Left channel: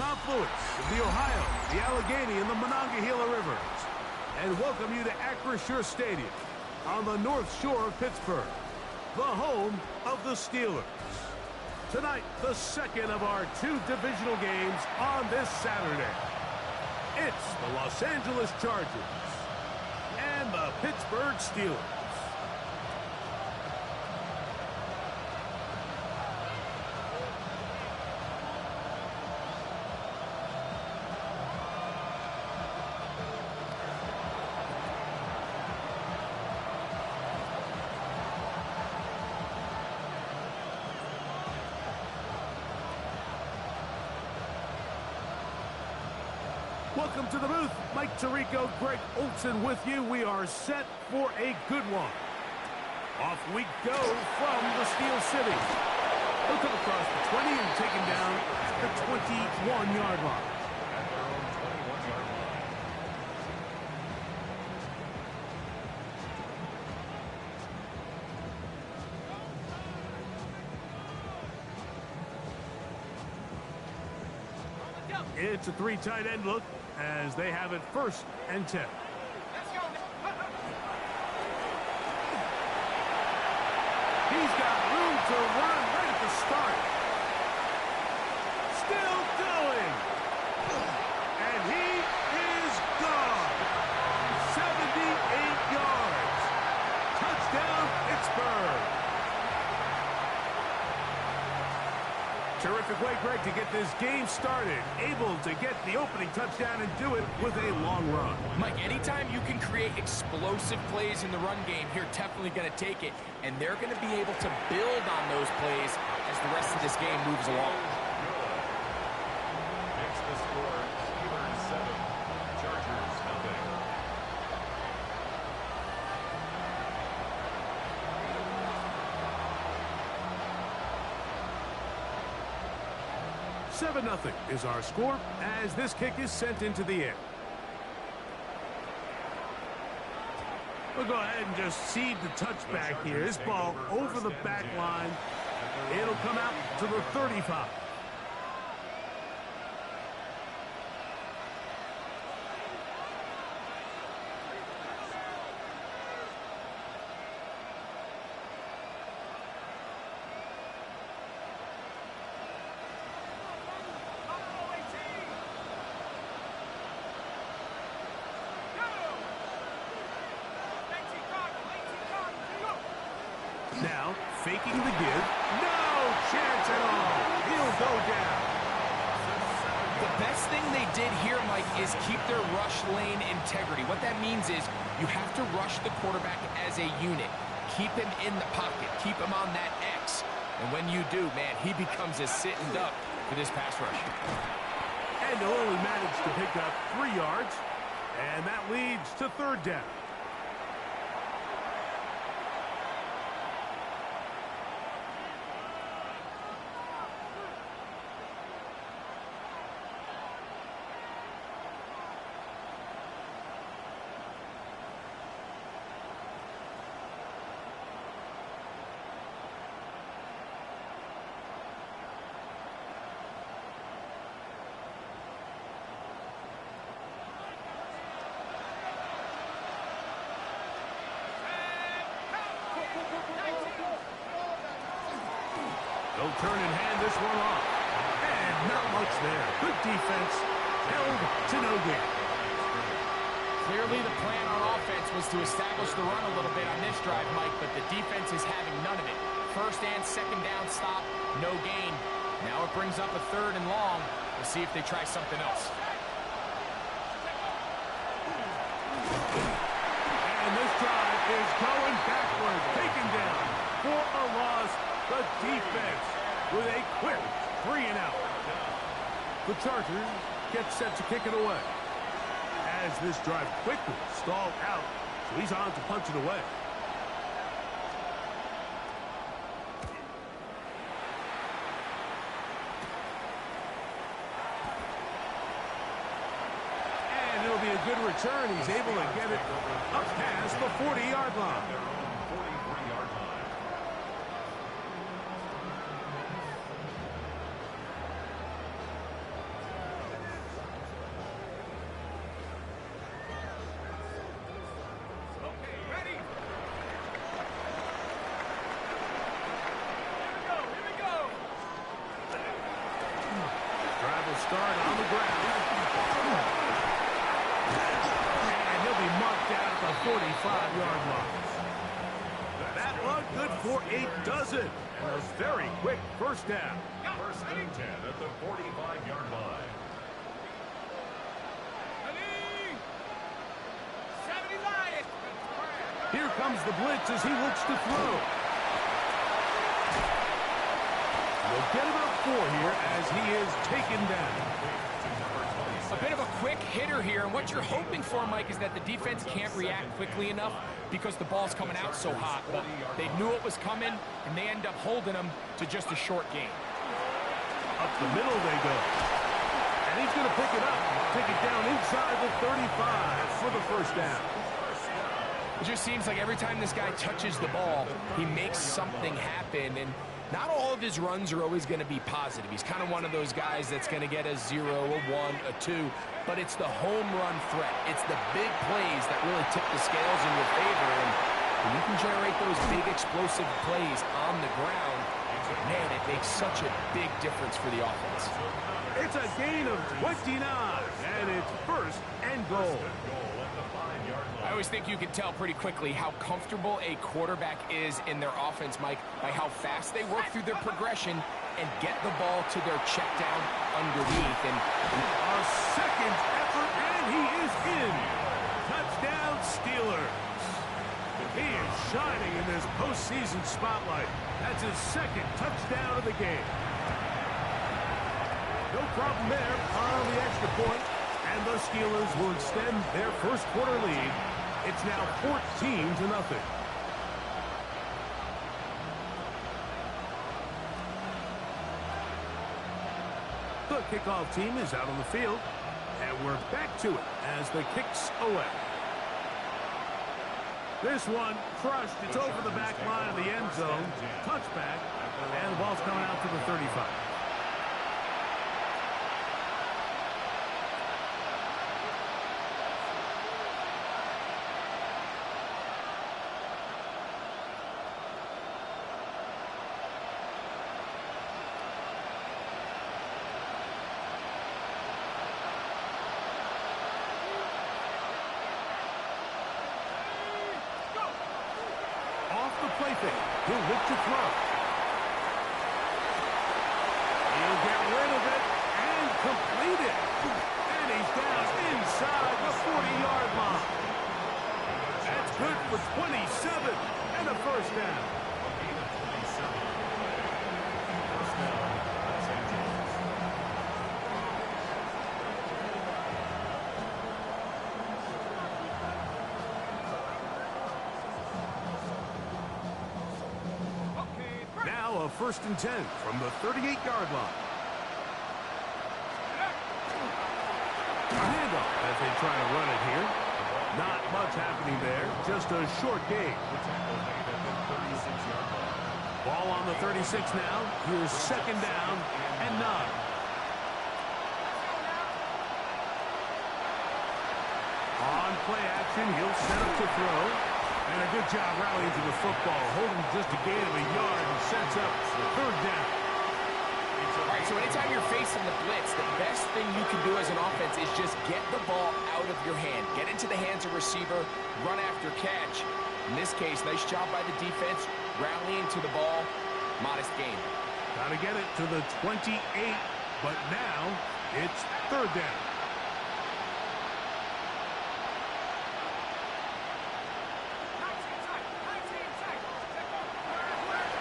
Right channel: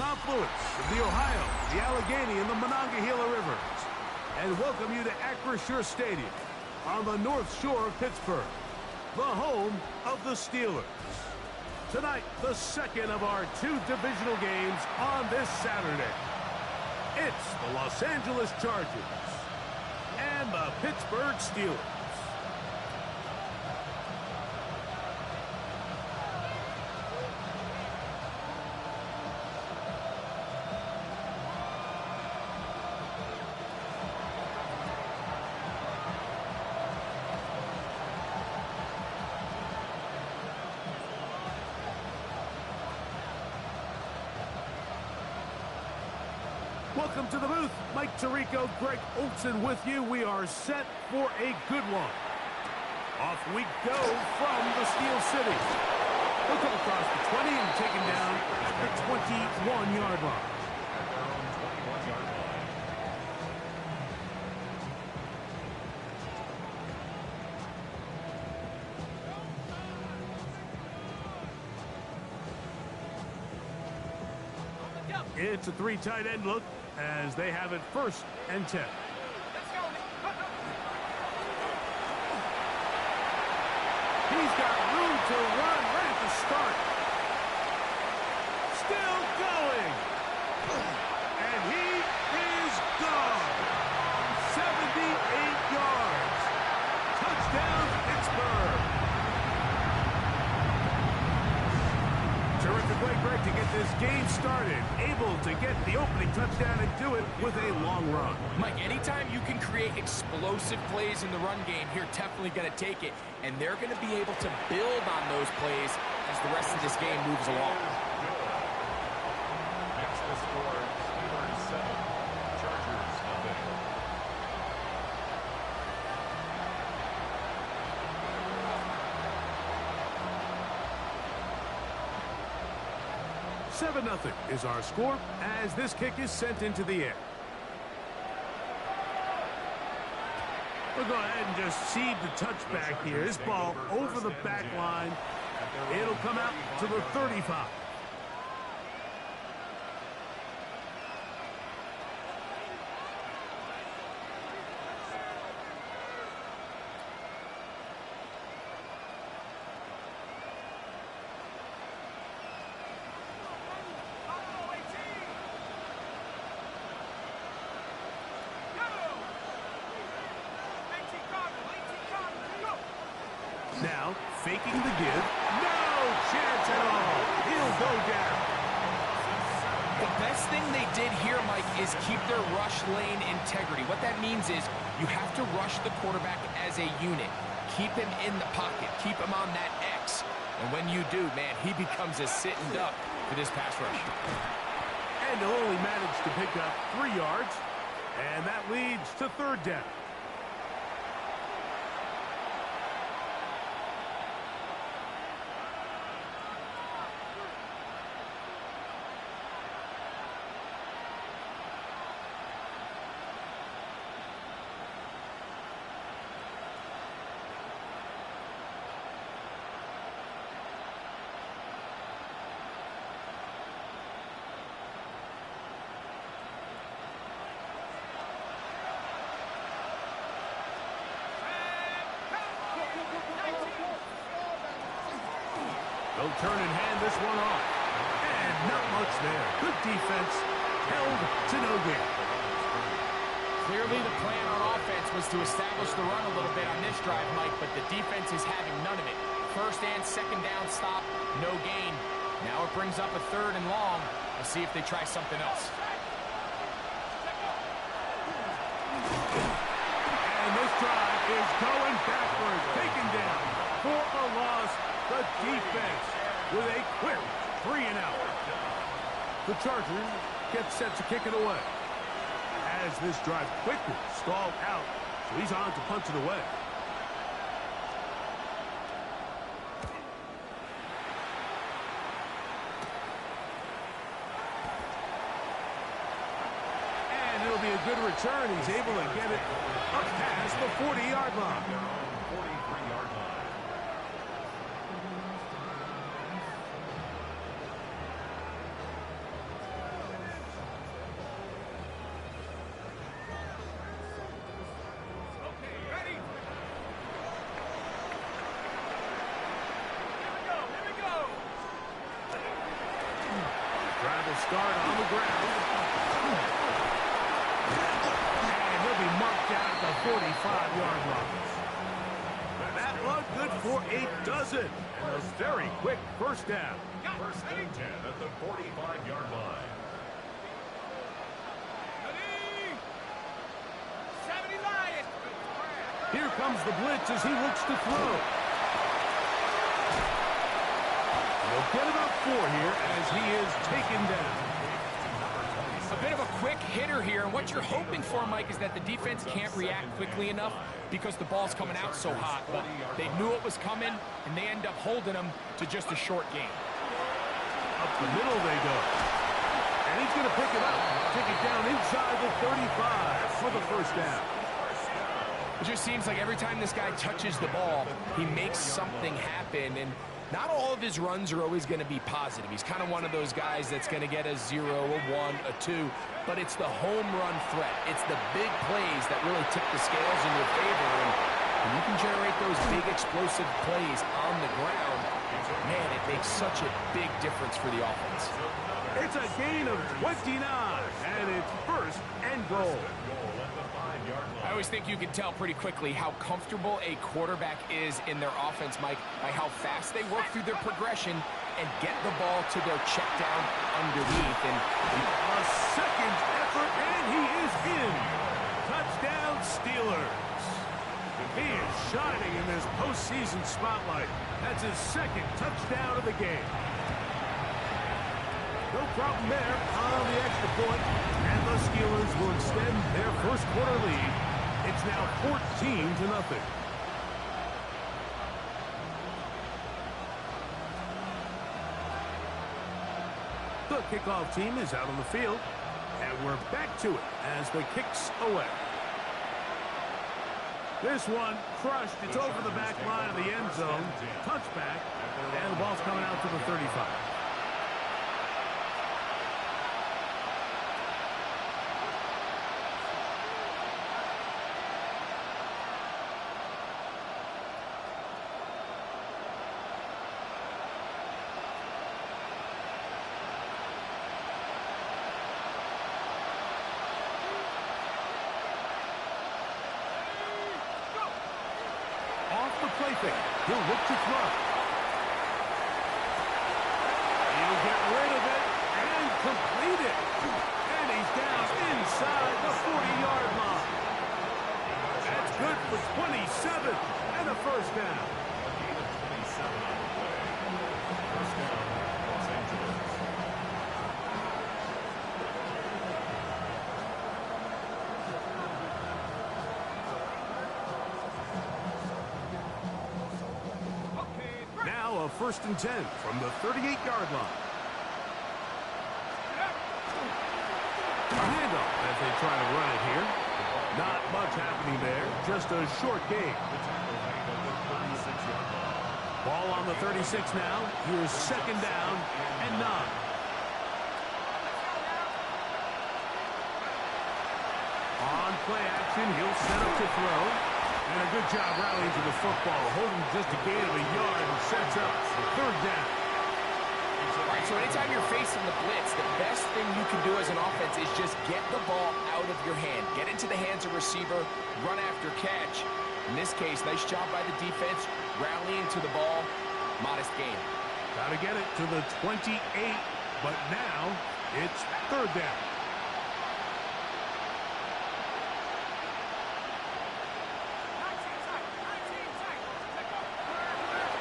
confluence of the Ohio, the Allegheny, and the Monongahela Rivers, and welcome you to Acrisure Stadium on the North Shore of Pittsburgh, the home of the Steelers. Tonight, the second of our two divisional games on this Saturday. It's the Los Angeles Chargers and the Pittsburgh Steelers. Welcome to the booth. Mike Tirico, Greg Olson with you. We are set for a good one. Off we go from the Steel City. He'll come across the 20 and take him down at the 21-yard line. At their own 21-yard line. It's a three tight end look as they have it 1st and 10. He's got room to run right at the start. Still going. And he is gone. 78 yards. Touchdown, Pittsburgh. Terrific way, Greg, to get this game started. Able to get the opening touchdown and do it with a long run. Mike, anytime you can create explosive plays in the run game, you're definitely going to take it. And they're going to be able to build on those plays as the rest of this game moves along. Next the score, Steelers 7, Chargers nothing. Nothing is our score as this kick is sent into the air. We'll go ahead and just seed the touchback here. This ball over the back line. It'll come out to the 35. Now, faking the give. No chance at all. He'll go down. The best thing they did here, Mike, is keep their rush lane integrity. What that means is you have to rush the quarterback as a unit. Keep him in the pocket. Keep him on that X. And when you do, man, he becomes a sitting duck for this pass rush. And he'll only manage to pick up 3 yards. And that leads to 3rd down. They'll turn and hand this one off. And not much there. Good defense. Held to no gain. Clearly the plan on offense was to establish the run a little bit on this drive, Mike, but the defense is having none of it. 1st and 2nd down stop, no gain. Now it brings up a 3rd and long. We'll see if they try something else. And this drive is going backward. Taken down for a loss. The defense with a quick 3 and out. The Chargers get set to kick it away. As this drive quickly stalled out, so he's on to punch it away. And it'll be a good return. He's able to get it up past the 40-yard line. Their own 43-yard line. start on the ground. And he'll be marked down at the 45-yard line. That one good for a dozen. And a very quick first down. First and 10 at the 45-yard line. Here comes the blitz as he looks to throw. They'll get about 4 here as he is taken down. A bit of a quick hitter here, and what you're hoping for, Mike, is that the defense can't react quickly enough because the ball's coming out so hot. But they knew it was coming, and they end up holding them to just a short gain. Up the middle they go. And he's going to pick it up, take it down inside the 35 for the first down. It just seems like every time this guy touches the ball, he makes something happen, and not all of his runs are always going to be positive. He's kind of one of those guys that's going to get a 0, a 1, a 2, but it's the home run threat. It's the big plays that really tip the scales in your favor, and when you can generate those big explosive plays on the ground, man, it makes such a big difference for the offense. It's a gain of 29, and it's first and goal. I always think you can tell pretty quickly how comfortable a quarterback is in their offense, Mike, by how fast they work through their progression and get the ball to their check down underneath. And a second effort, and he is in. Touchdown, Steelers. He is shining in this postseason spotlight. That's his second touchdown of the game. No problem there on the extra point, and the Steelers will extend their first quarter lead. It's now 14-0. The kickoff team is out on the field, and we're back to it as the kick's away. This one crushed. It's over the back line of the end zone. Touchback, and the ball's coming out to the 35. Off the play fake. He'll look to throw. He'll get rid of it and complete it. And he's down inside the 40-yard line. That's good for 27 and a first down. A gain of 27 on the play. First down, Los Angeles. Now a first and 10 from the 38-yard line. A handoff as they try to run it here. Not much happening there. Just a short gain. The tackle made at the 36-yard line. Ball on the 36 now. Here's second down and 9. On play action, he'll set up to throw. And a good job rallying to the football, holding just a gain of a yard and sets up third down. All right, so anytime you're facing the blitz, the best thing you can do as an offense is just get the ball out of your hand. Get into the hands of receiver, run after catch. In this case, nice job by the defense, rallying to the ball, modest gain. Got to get it to the 28, but now it's third down.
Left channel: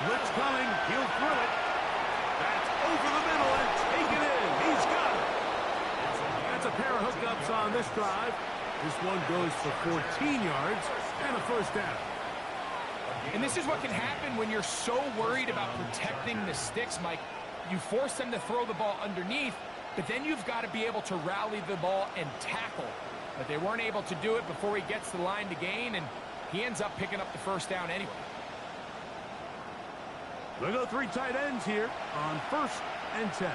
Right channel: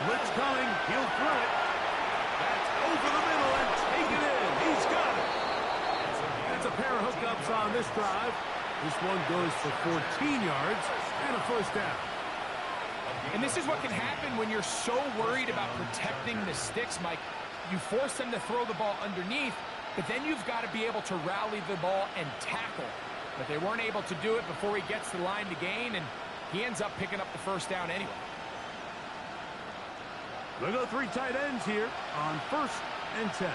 Blitz coming. He'll throw it. That's over the middle and take it in. He's got it. That's a pair of hookups on this drive. This one goes for 14 yards and a first down. And this is what can happen when you're so worried about protecting the sticks, Mike. You force them to throw the ball underneath, but then you've got to be able to rally the ball and tackle. But they weren't able to do it before he gets to the line to gain, and he ends up picking up the first down anyway. We'll go 3 tight ends here on first and 10.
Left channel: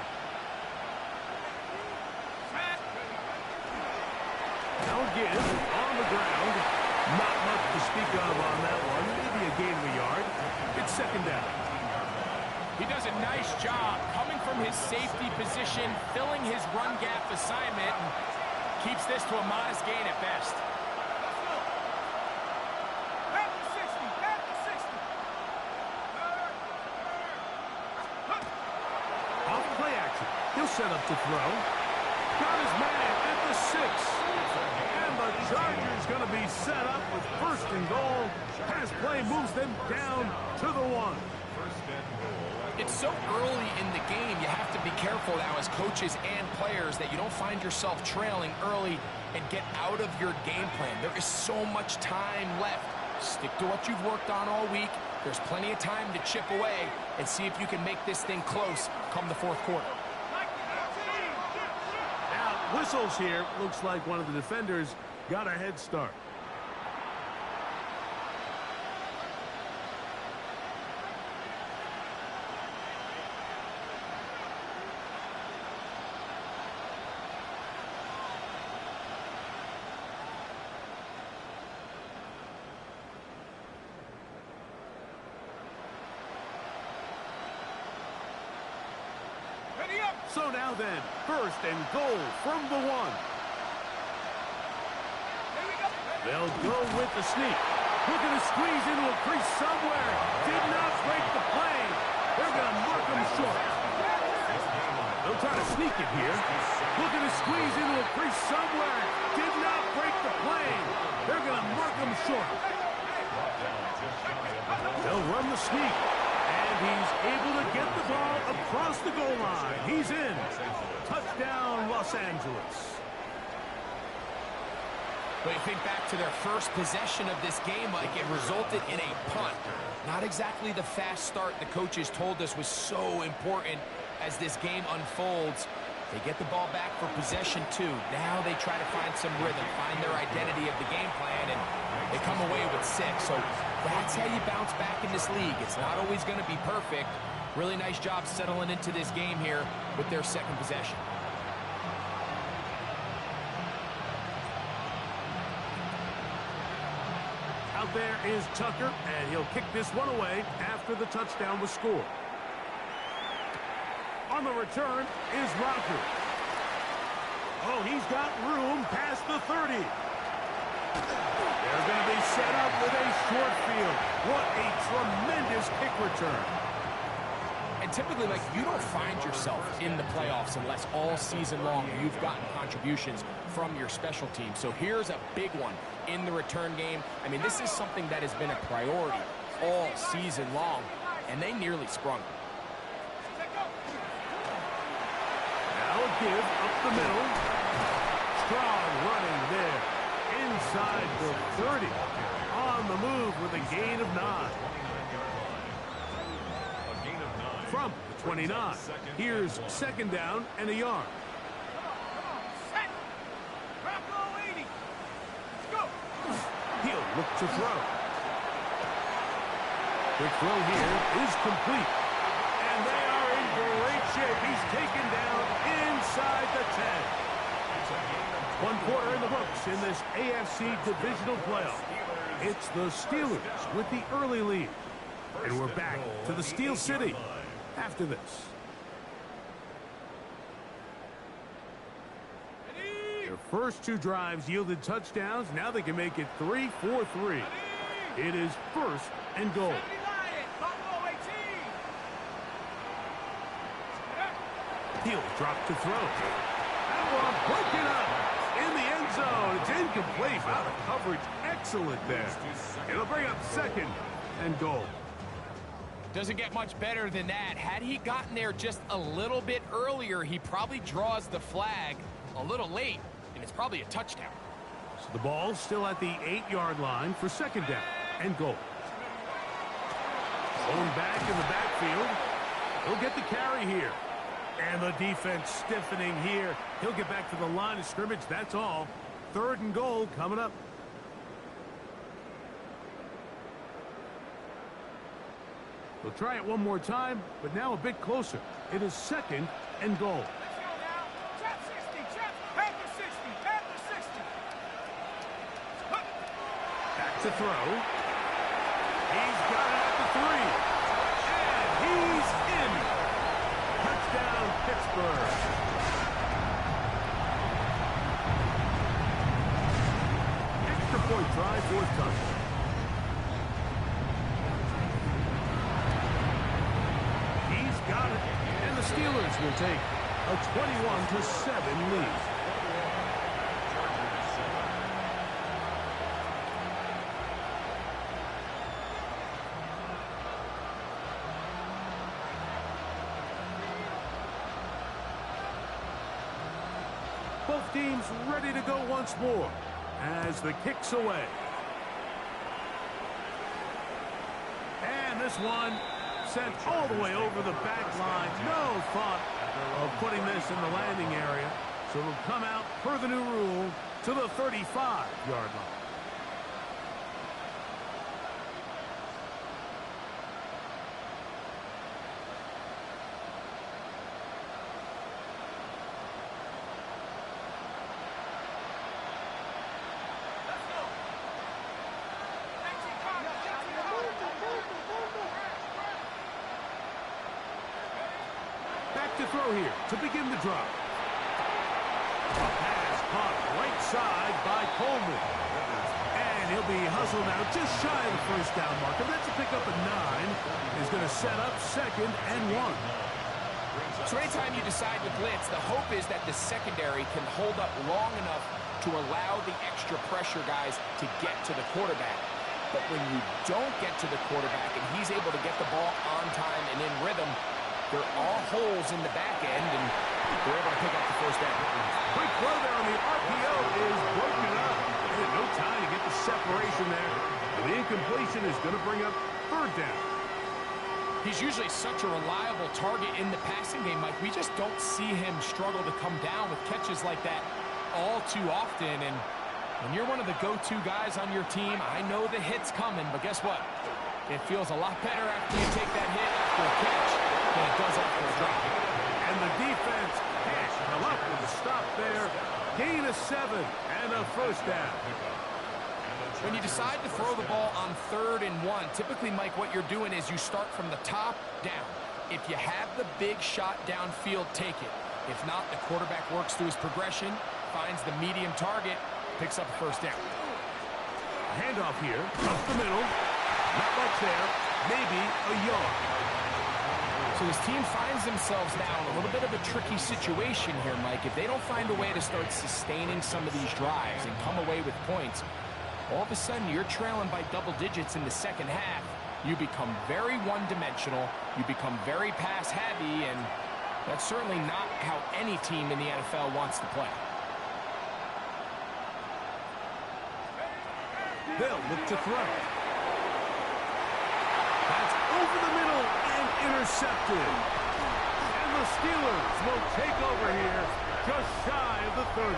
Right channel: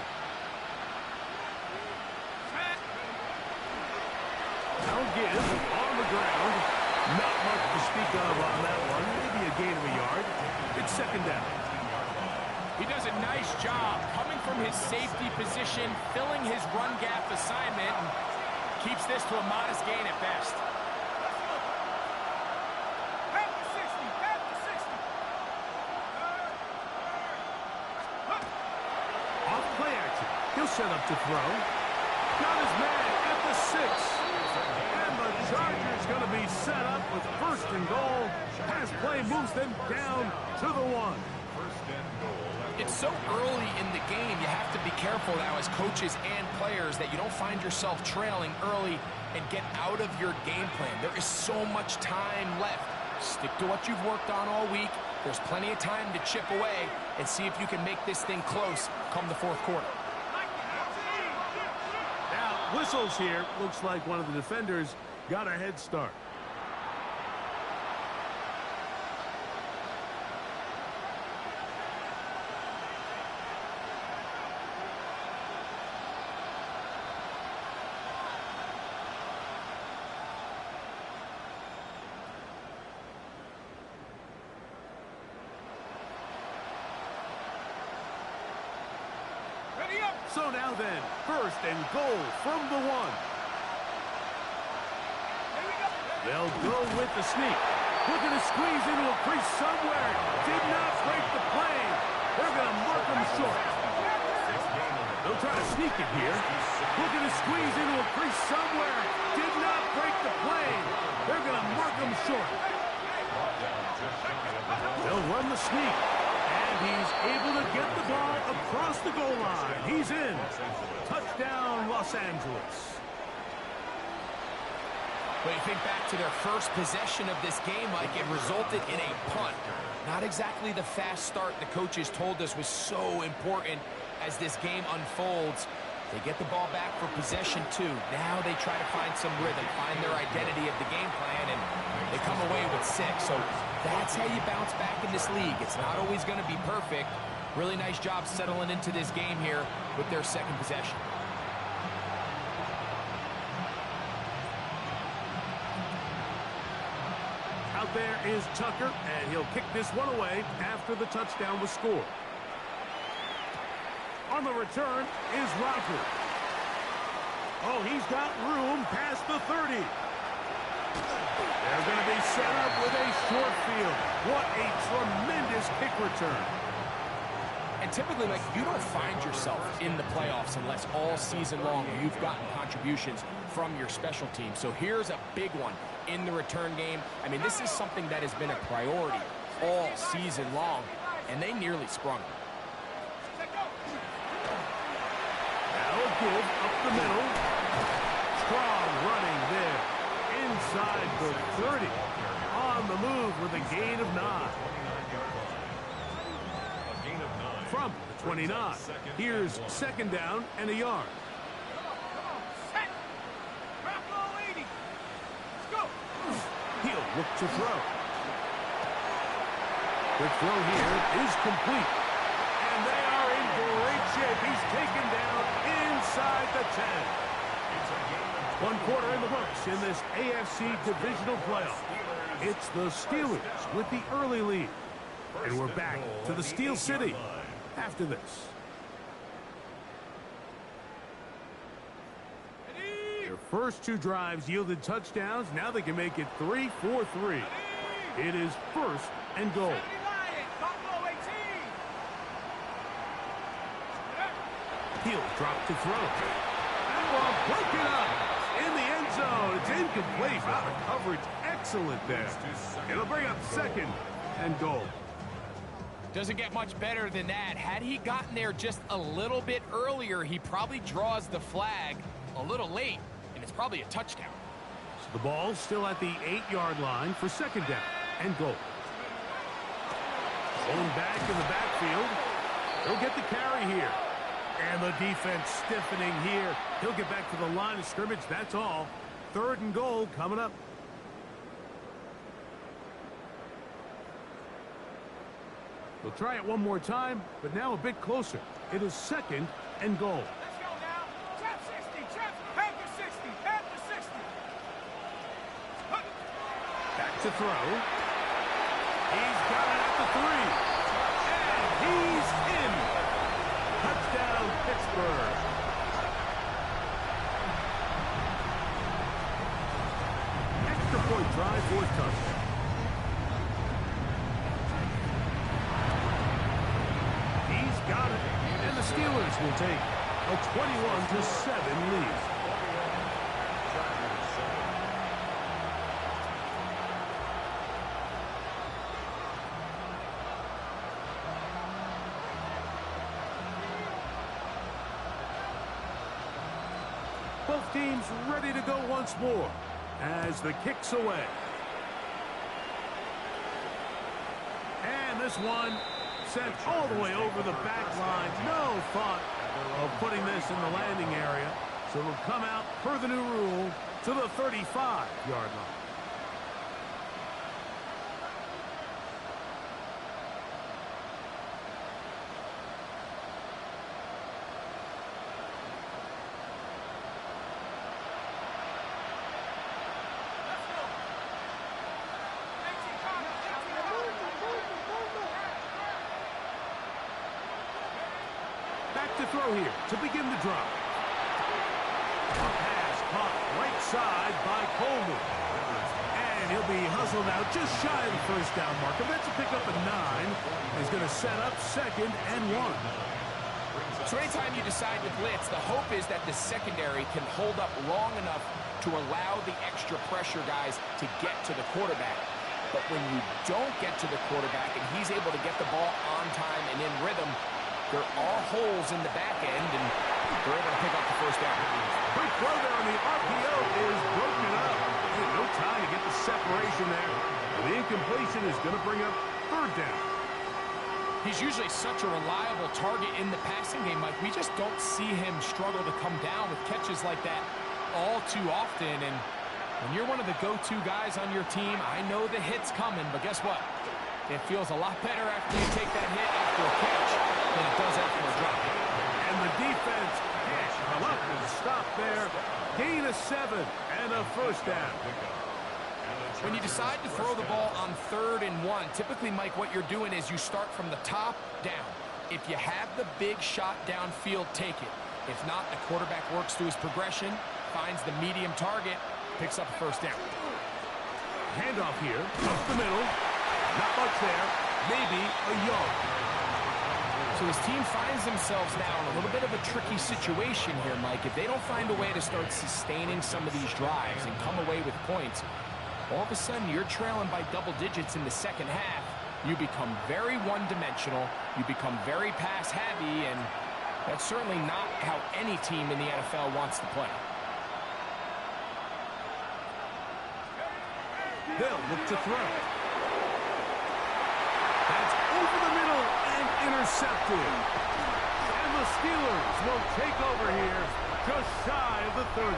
Now give on the ground. Not much to speak of on that one. Maybe a gain of a yard. It's second down. He does a nice job coming from his safety position, filling his run gap assignment, and keeps this to a modest gain at best. Off play action. He'll set up to throw. Got his man at the 6. And the Chargers going to be set up with 1st and goal. Pass play moves them down to the 1. It's so early in the game, you have to be careful now as coaches and players that you don't find yourself trailing early and get out of your game plan. There is so much time left. Stick to what you've worked on all week. There's plenty of time to chip away and see if you can make this thing close come the 4th quarter. Now, whistles here. Looks like one of the defenders got a head start. So now then, 1st and goal from the 1. They'll go with the sneak. Looking to squeeze into a crease somewhere. Did not break the plane. They're going to mark him short. They'll try to sneak it here. Looking to squeeze into a crease somewhere. Did not break the plane. They're going to mark him short. They'll run the sneak. And he's able to get the ball across the goal line. He's in. Touchdown, Los Angeles. When you think back to their first possession of this game, Mike, it resulted in a punt. Not exactly the fast start the coaches told us was so important as this game unfolds. They get the ball back for possession 2. Now they try to find some rhythm, find their identity of the game plan, and they come away with 6. So that's how you bounce back in this league. It's not always going to be perfect. Really nice job settling into this game here with their 2nd possession. Out there is Tucker, and he'll kick this one away after the touchdown was scored. On the return is Roger. Oh, he's got room past the 30. They're going to be set up with a short field. What a tremendous kick return. And typically, like, you don't find yourself in the playoffs unless all season long you've gotten contributions from your special team. So here's a big one in the return game. I mean, this is something that has been a priority all season long, and they nearly sprung. Now a give up the middle. Strong running there. Inside the 30. On the move with a gain of 9. From the 29. Here's 2nd down and a yard. He'll look to throw. Quick throw here is complete. And they are in great shape. He's taken down inside the 10. 1 quarter in the books in this AFC divisional playoff. It's the Steelers with the early lead. And we're back to the Steel City after this. Their first 2 drives yielded touchdowns. Now they can make it 3-4-3. It is 1st and goal. He'll drop to throw. That one broken up in the end zone. It's incomplete. Out of coverage. Excellent there. It'll bring up 2nd and goal. Doesn't get much better than that. Had he gotten there just a little bit earlier, he probably draws the flag a little late, and it's probably a touchdown. So the ball's still at the 8-yard line for 2nd down and goal. Going back in the backfield. He'll get the carry here. And the defense stiffening here. He'll get back to the line of scrimmage. That's all. 3rd and goal coming up. They'll try it one more time, but now a bit closer. It is 2nd and goal. Let's go now. Trap 60. Trap. Panther 60. Panther 60. Back to throw. He's got it at the 3. And he's in try fourth touch. He's got it, and the Steelers will take a 21-7 lead. Both teams ready to go once more as the kick's away. And this one sent all the way over the back line. No thought of putting this in the landing area. So it'll come out per the new rule to the 35-yard line. Back to throw here to begin the drive. A pass caught right side by Coleman. And he'll be hustled out just shy of the first down marker. That's a pickup of 9. He's going to set up 2nd and 1. So anytime you decide to blitz, the hope is that the secondary can hold up long enough to allow the extra pressure guys to get to the quarterback. But when you don't get to the quarterback and he's able to get the ball on time and in rhythm, there are holes in the back end, and they're able to pick up the first down. Quick throw there on the RPO is broken up. And no time to get the separation there. The incompletion is going to bring up 3rd down. He's usually such a reliable target in the passing game, Mike. We just don't see him struggle to come down with catches like that all too often. And when you're one of the go-to guys on your team, I know the hit's coming, but guess what? It feels a lot better after you take that hit after a catch than it does after a drop. And the defense can't come up with a stop there. Gain of 7 and a first down. When you decide to throw the ball on 3rd and 1, typically, Mike, what you're doing is you start from the top down. If you have the big shot downfield, take it. If not, the quarterback works through his progression, finds the medium target, picks up a first down. Handoff here, up the middle. Not much there, maybe a yard. So this team finds themselves now in a little bit of a tricky situation here, Mike. If they don't find a way to start sustaining some of these drives and come away with points, all of a sudden you're trailing by double digits in the second half. You become very one-dimensional. You become very pass-heavy, and that's certainly not how any team in the NFL wants to play. They'll look to throw. That's over the middle and intercepted. And the Steelers will take over here just shy of the 30.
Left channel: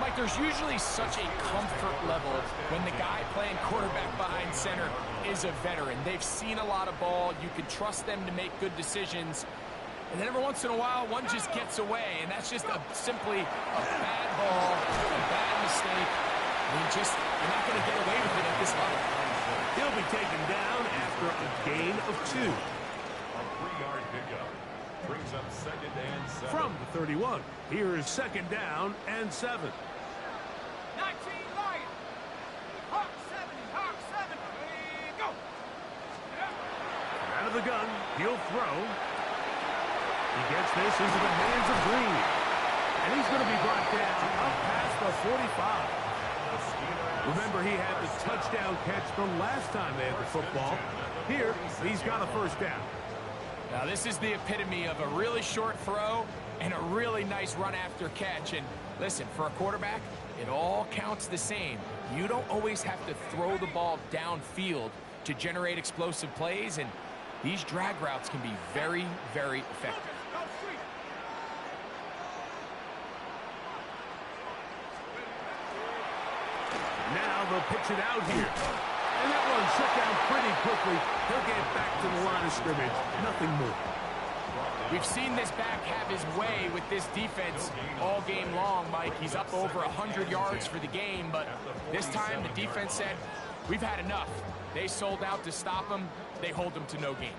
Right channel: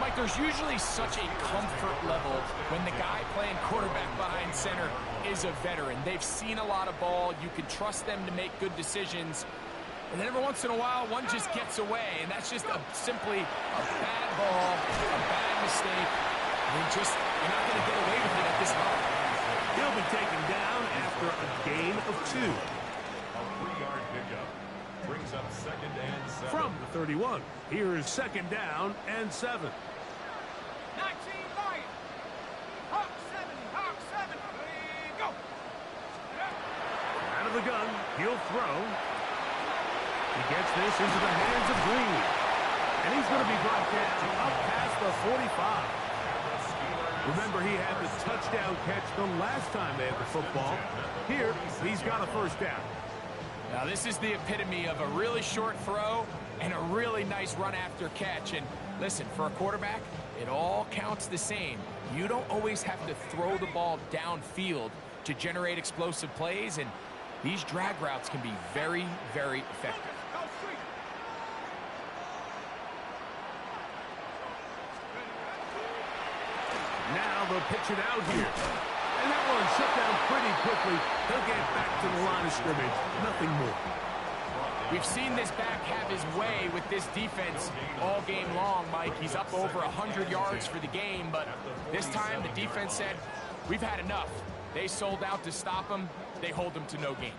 Mike, there's usually such a comfort level when the guy playing quarterback behind center is a veteran. They've seen a lot of ball. You can trust them to make good decisions. And then every once in a while, one just gets away, and that's just simply a bad ball, a bad mistake. You're not going to get away with it at this level. He'll be taken down after a gain of 2. A 3-yard pickup brings up 2nd and 7. From the 31, here is 2nd down and 7. 19 Lions. Hawk 70, Hawk 7. Go. Out of the gun, he'll throw. He gets this into the hands of Green. And he's going to be brought down up past the 45. Remember, he had the touchdown catch the last time they had the football. Here, he's got a first down. Now, this is the epitome of a really short throw and a really nice run after catch. And listen, for a quarterback, it all counts the same. You don't always have to throw the ball downfield to generate explosive plays, and these drag routes can be very, very effective. Now they'll pitch it out here. And that one shut down pretty quickly. He'll get back to the line of scrimmage. Nothing more. We've seen this back have his way with this defense all game long, Mike. He's up over 100 yards for the game, but this time the defense said, we've had enough. They sold out to stop him. They hold him to no gain.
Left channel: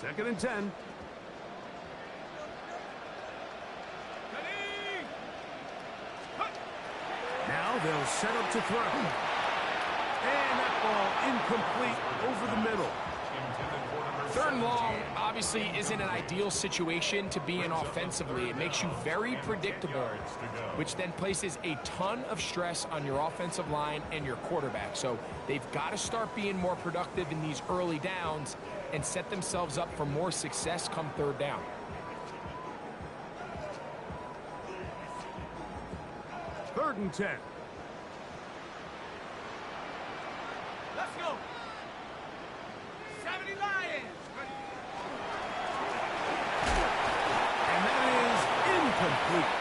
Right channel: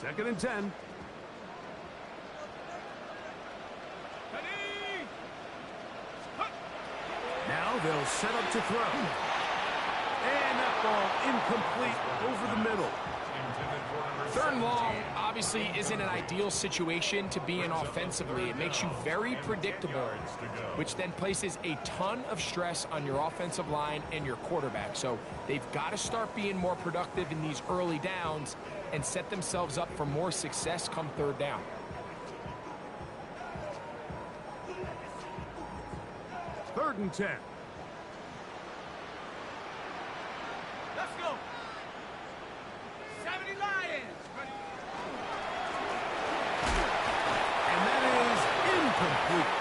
2nd and 10. Now they'll set up to throw. And that ball incomplete over the middle. Third and long obviously isn't an ideal situation to be in offensively. It makes you very predictable, which then places a ton of stress on your offensive line and your quarterback. So they've got to start being more productive in these early downs and set themselves up for more success come third down. Third and 10. Let's go. 70 Lions. And that is incomplete.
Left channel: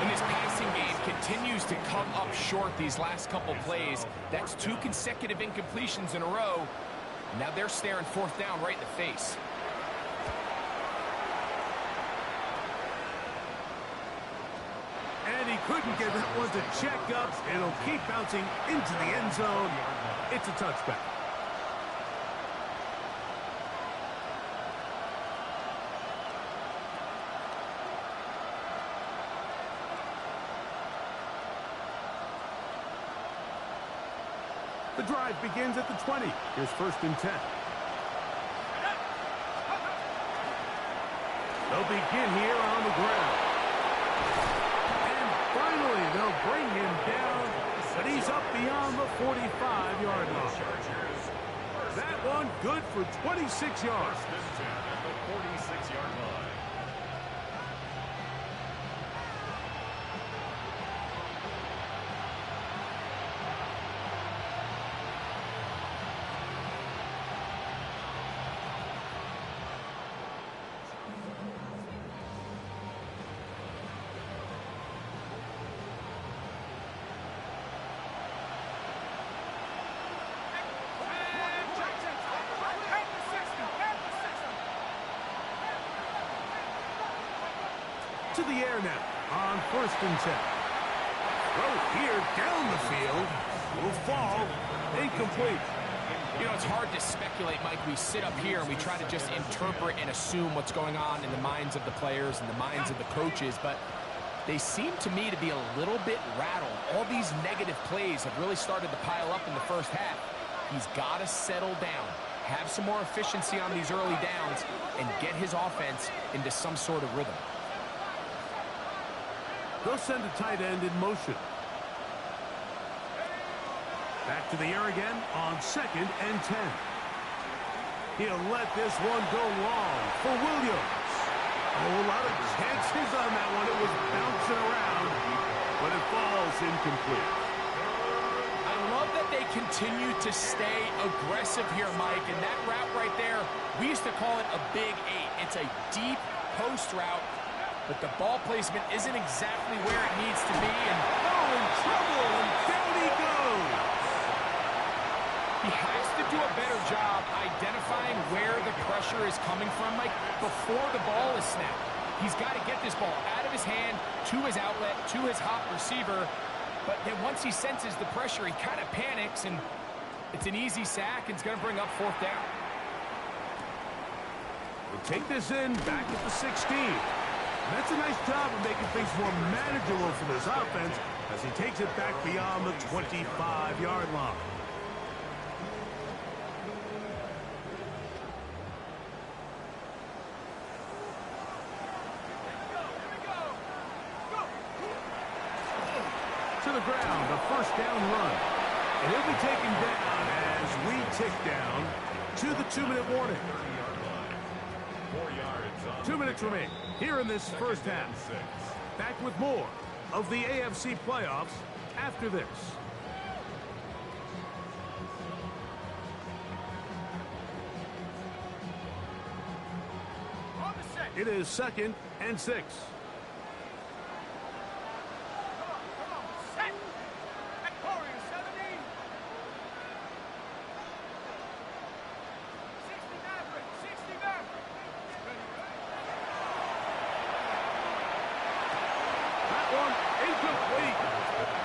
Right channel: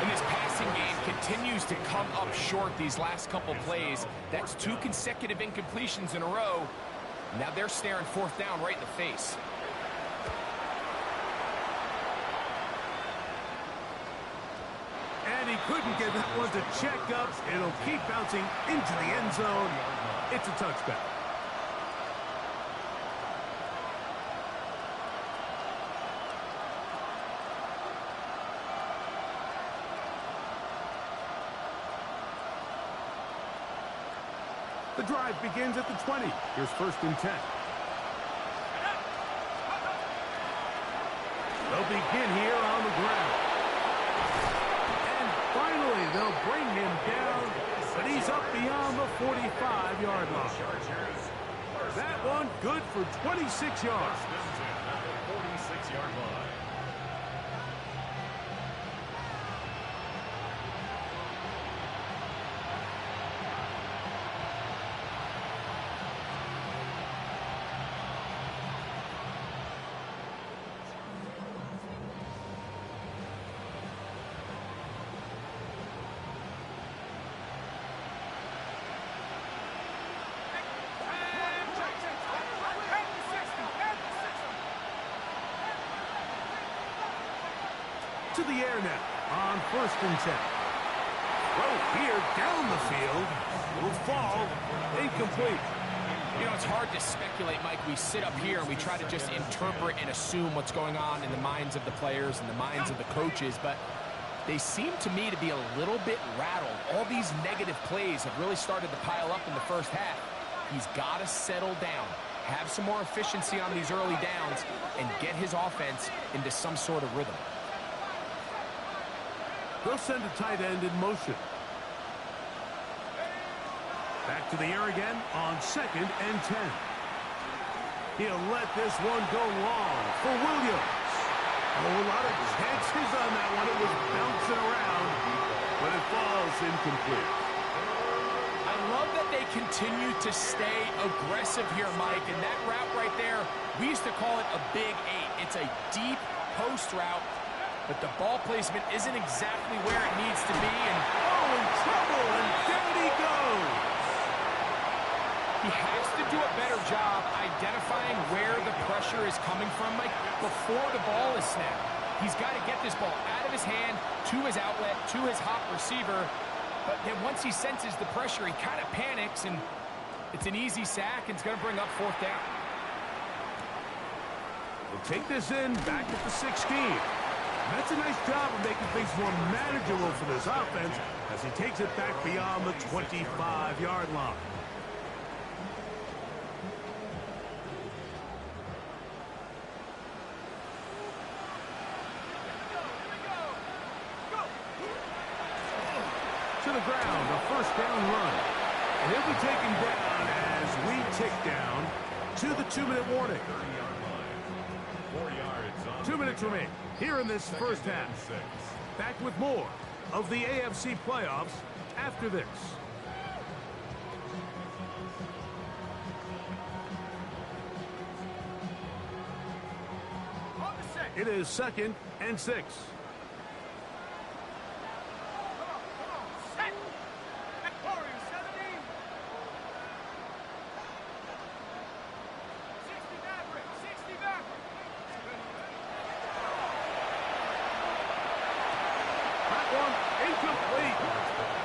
And this passing game continues to come up short these last couple plays. That's 2 consecutive incompletions in a row. Now they're staring fourth down right in the face. And he couldn't get that one to check up. It'll keep bouncing into the end zone. It's a touchback. The drive begins at the 20. Here's first and 10. They'll begin here on the ground. And finally, they'll bring him down, but he's up beyond the 45-yard line. That one good for 26 yards. First and 10 at the 46-yard line. To the air now on first and 10. Throw here down the field. Will fall. Incomplete. You know, it's hard to speculate, Mike. We sit up here and we try to just interpret and assume what's going on in the minds of the players and the minds of the coaches, but they seem to me to be a little bit rattled. All these negative plays have really started to pile up in the first half. He's got to settle down, have some more efficiency on these early downs, and get his offense into some sort of rhythm. They'll send a tight end in motion. Back to the air again on second and 10. He'll let this one go long for Williams. Oh, a lot of chances on that one. It was bouncing around, but it falls incomplete. I love that they continue to stay aggressive here, Mike, and that route right there, we used to call it a big 8. It's a deep post route, but the ball placement isn't exactly where it needs to be, and oh, in trouble, and down he goes. he has to do a better job identifying where the pressure is coming from, Mike, before the ball is snapped. He's got to get this ball out of his hand, to his outlet, to his hot receiver, but then once he senses the pressure, he kind of panics, and it's an easy sack, and it's going to bring up fourth down. We'll take this in back at the 16. That's a nice job of making things more manageable for this offense as he takes it back beyond the 25-yard line. To the ground, a first down run. And he'll be taken down as we tick down to the 2-minute warning. 30-yard line. 4 yards on 2 minutes remain here in this first half. Back with more of the AFC playoffs after this. On the set. It is second and 6. Come on. Set. At Warrior 70. 60 Maverick. 60 Maverick. That one incomplete.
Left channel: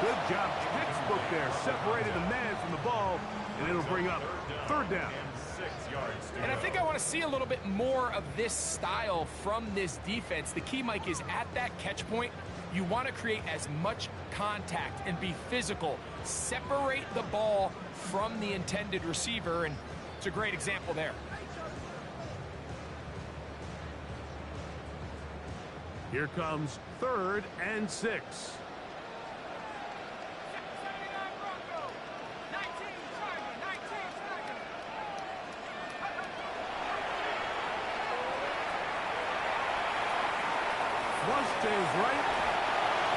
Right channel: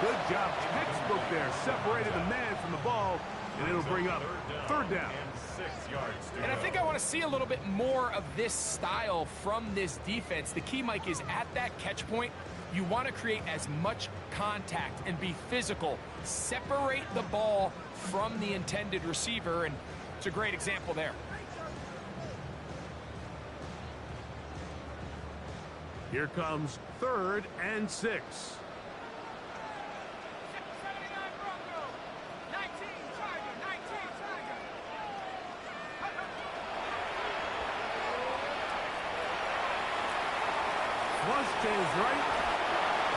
Good job. Textbook there. Separated the man from the ball, and it'll bring up third down. And 6 yards to And I go. think I want to see a little bit more of this style from this defense. The key, Mike, is at that catch point, You want to create as much contact and be physical. Separate the ball from the intended receiver, and it's a great example there. Here comes 3rd and 6. 79 Bronco. 19 Tiger. 19 Tiger. Flush to his right.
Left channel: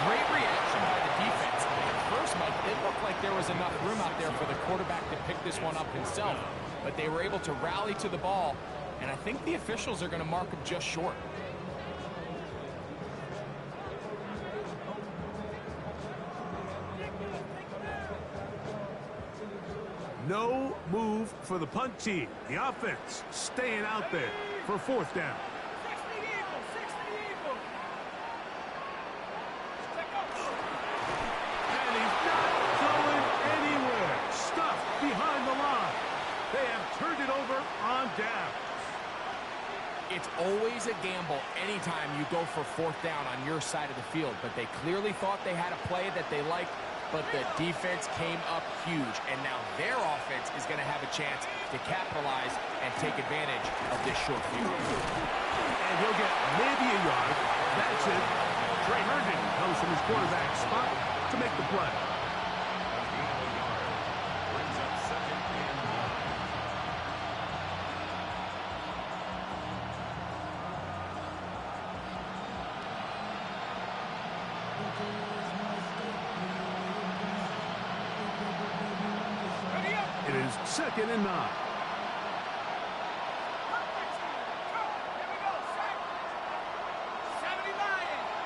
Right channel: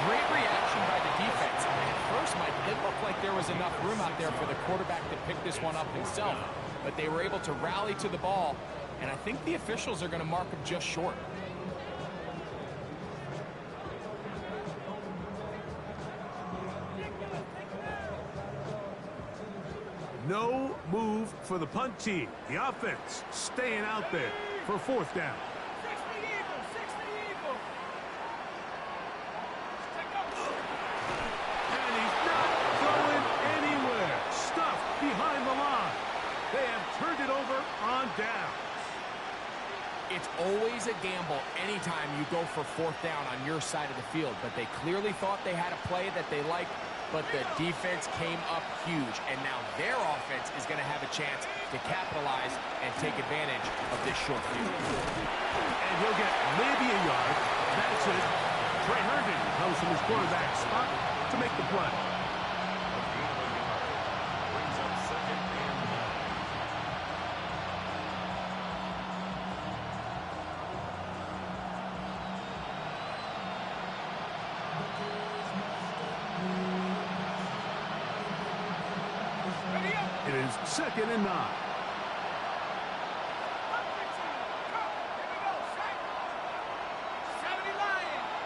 Great reaction by the defense. At first, Mike, it looked like there was enough room out there for the quarterback to pick this one up himself, but they were able to rally to the ball, and I think the officials are going to mark him just short. No move for the punt team. The offense staying out there for 4th down. 60 Eagles. 60 Eagles. Check up. And he's not going anywhere. Stuffed behind the line. They have turned it over on downs. It's always a gamble anytime you go for 4th down on your side of the field, but they clearly thought they had a play that they liked, but the defense came up huge, and now their offense is going to have a chance to capitalize and take advantage of this short field. And he'll get maybe a yard. That's it. Trey Herndon comes from his quarterback spot to make the play. A gain of a yard. Brings up 2nd and 9. Ready up. It is 2nd and 9. Up 15. Go. Here we go. Set. 70 Lions.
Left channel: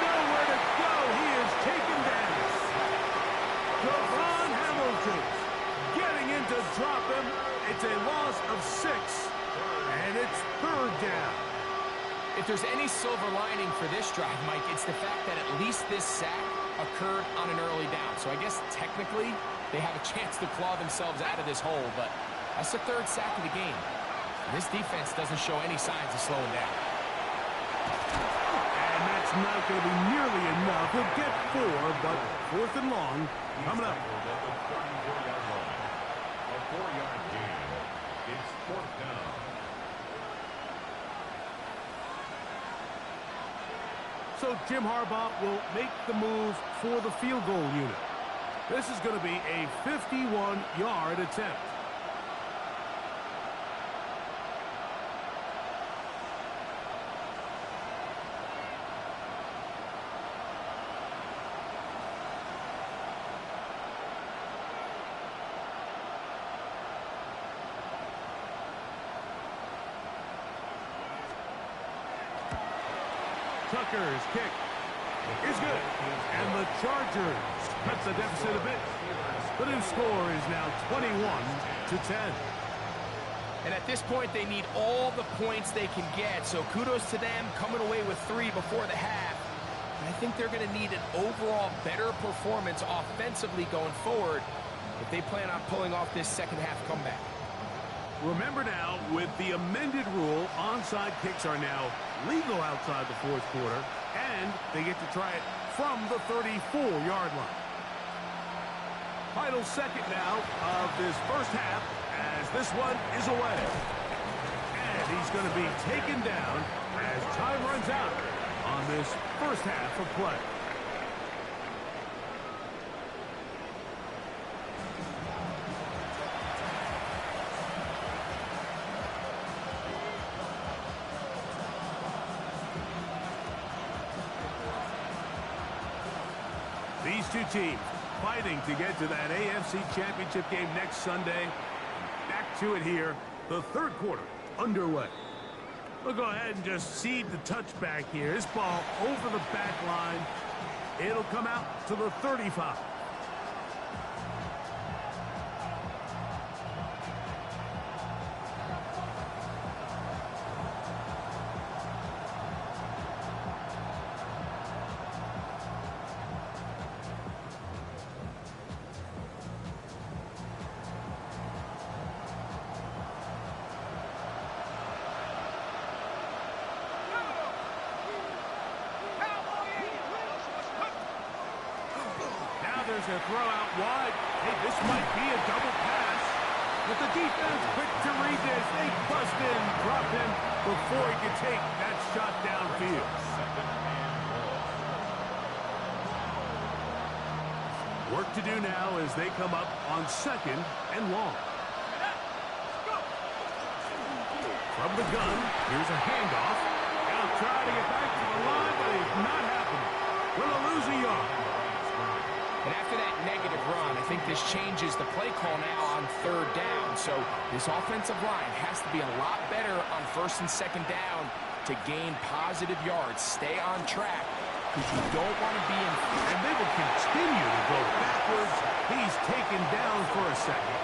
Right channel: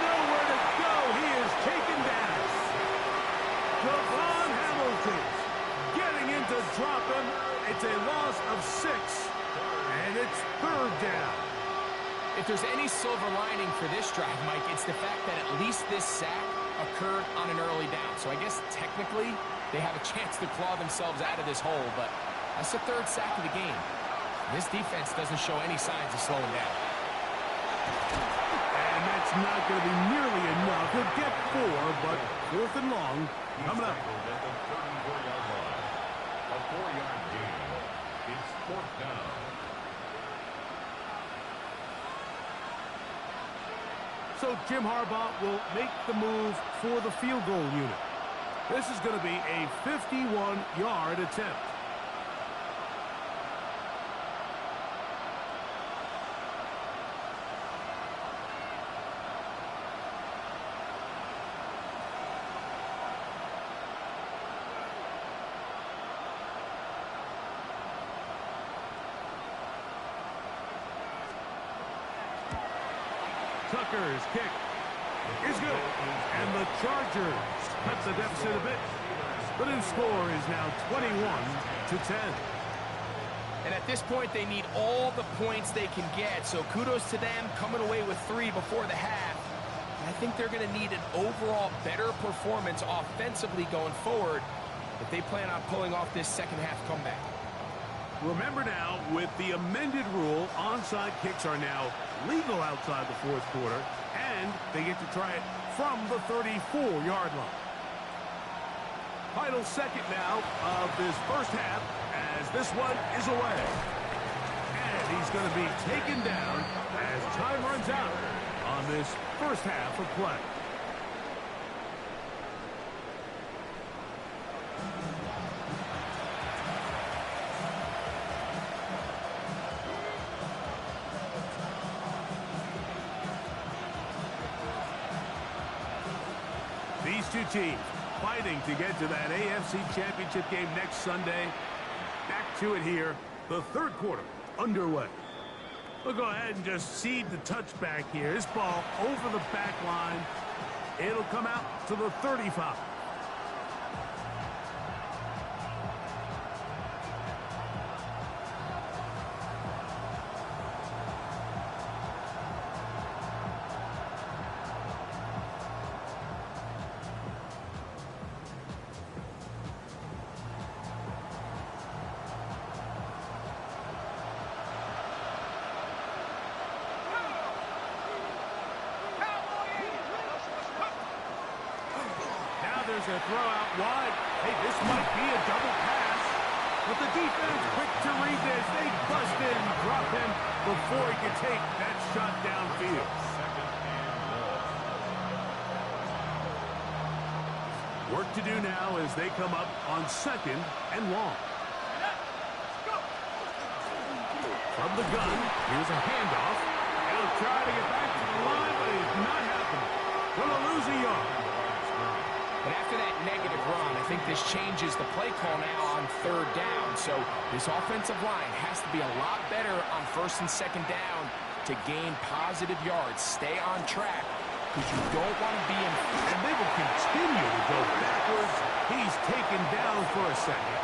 Nowhere to go. He is taken down. Devon Hamilton getting in to drop him. It's a loss of 6. And it's 3rd down. If there's any silver lining for this drive, Mike, it's the fact that at least this sack occurred on an early down. So I guess technically they have a chance to claw themselves out of this hole, but that's the 3rd sack of the game. This defense doesn't show any signs of slowing down. And that's not going to be nearly enough. He'll get 4, but 4th and long coming up. Tackled at the 34-yard line. A 4-yard gain. It's 4th down. So Jim Harbaugh will make the move for the field goal unit. This is going to be a 51-yard attempt. Tucker's kick is good. And the Chargers cut the deficit a bit. The new score is now 21-10. And at this point, they need all the points they can get. So kudos to them coming away with 3 before the half. And I think they're going to need an overall better performance offensively going forward if they plan on pulling off this second half comeback. Remember now, with the amended rule, onside kicks are now legal outside the 4th quarter, and they get to try it from the 34-yard line. Final second now of this first half as this one is away. And he's going to be taken down as time runs out on this first half of play. These two teams fighting to get to that AFC Championship game next Sunday. Back to it here, the 3rd quarter underway. We'll go ahead and just cede the touchback here. This ball over the back line. It'll come out to the 35. tries to throw out wide. Hey, this might be a double pass. But the defense quick to read this. They bust in, drop him before he can take that shot downfield. Second and long. Work to do now as they come up on 2nd and long. From the gun, here's a handoff. He'll try to get back to the line, but it's not happening. Will lose a yard. And after that negative run, I think this changes the play call now on 3rd down. So this offensive line has to be a lot better on 1st and 2nd down to gain positive yards. Stay on track because you don't want to be in. And they will continue to go backwards. He's taken down for a second.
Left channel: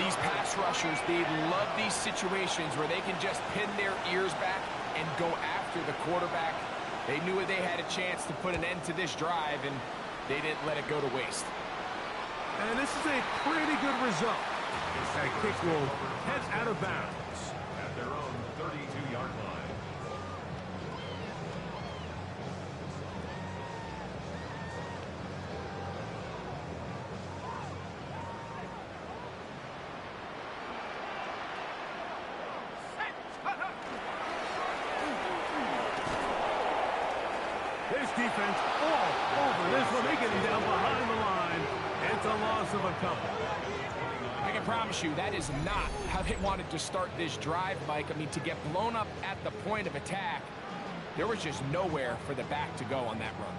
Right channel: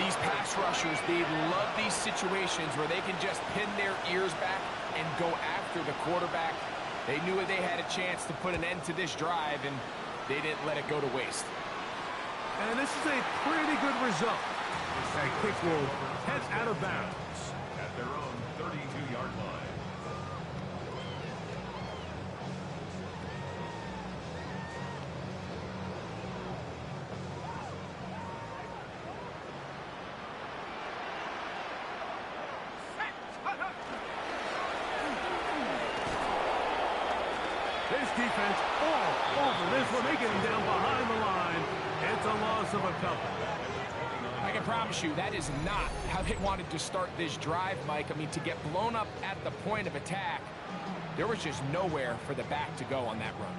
These pass rushers, they love these situations where they can just pin their ears back and go after the quarterback. They knew they had a chance to put an end to this drive, and they didn't let it go to waste. And this is a pretty good result. That kick will head out of bounds. At their own 32-yard line. This defense all over this one. They get him down behind the line. It's a loss of a couple. I can promise you that is not how they wanted to start this drive, Mike. I mean, to get blown up at the point of attack, there was just nowhere for the back to go on that run.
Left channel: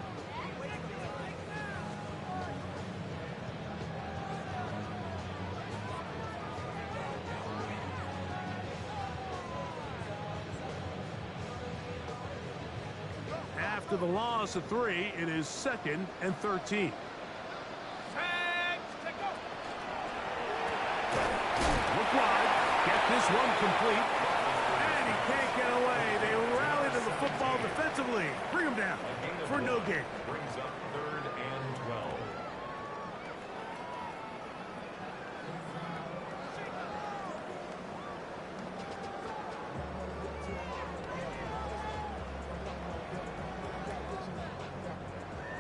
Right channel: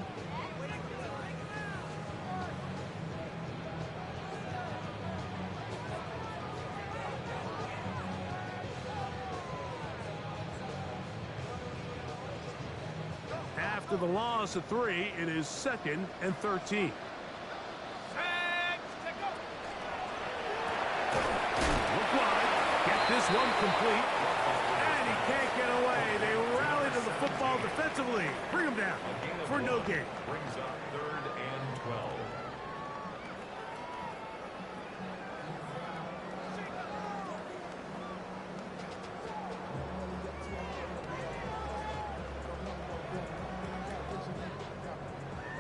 After the loss of 3, it is 2nd and 13. Look wide. Get this one complete. And he can't get away. They rally to the football defensively. Bring him down for no gain. Brings up 3rd and 12.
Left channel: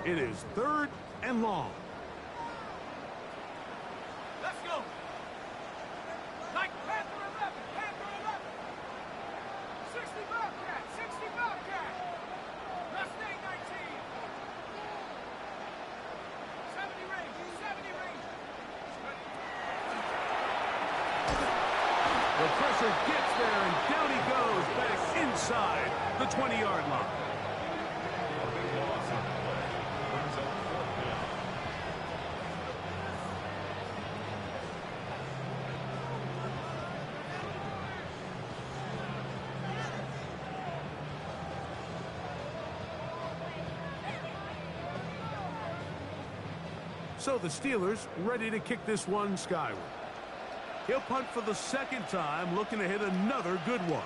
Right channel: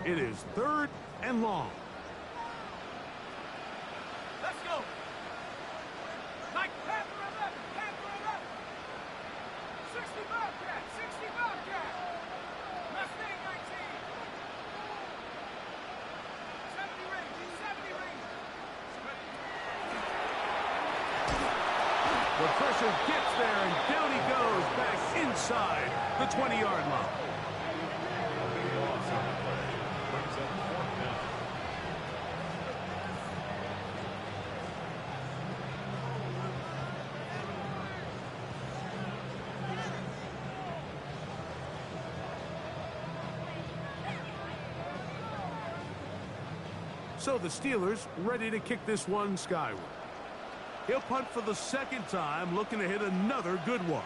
It is 3rd and long. Let's go. Like Panther 11, Panther 11. 60 Bobcat, 60 Bobcat. Mustang 19. 70 Ranger, 70 Ranger. The pressure gets there, and down he goes back inside the 20-yard line. A big loss on the play. Brings up 4th down. So the Steelers ready to kick this one skyward. He'll punt for the 2nd time, looking to hit another good one.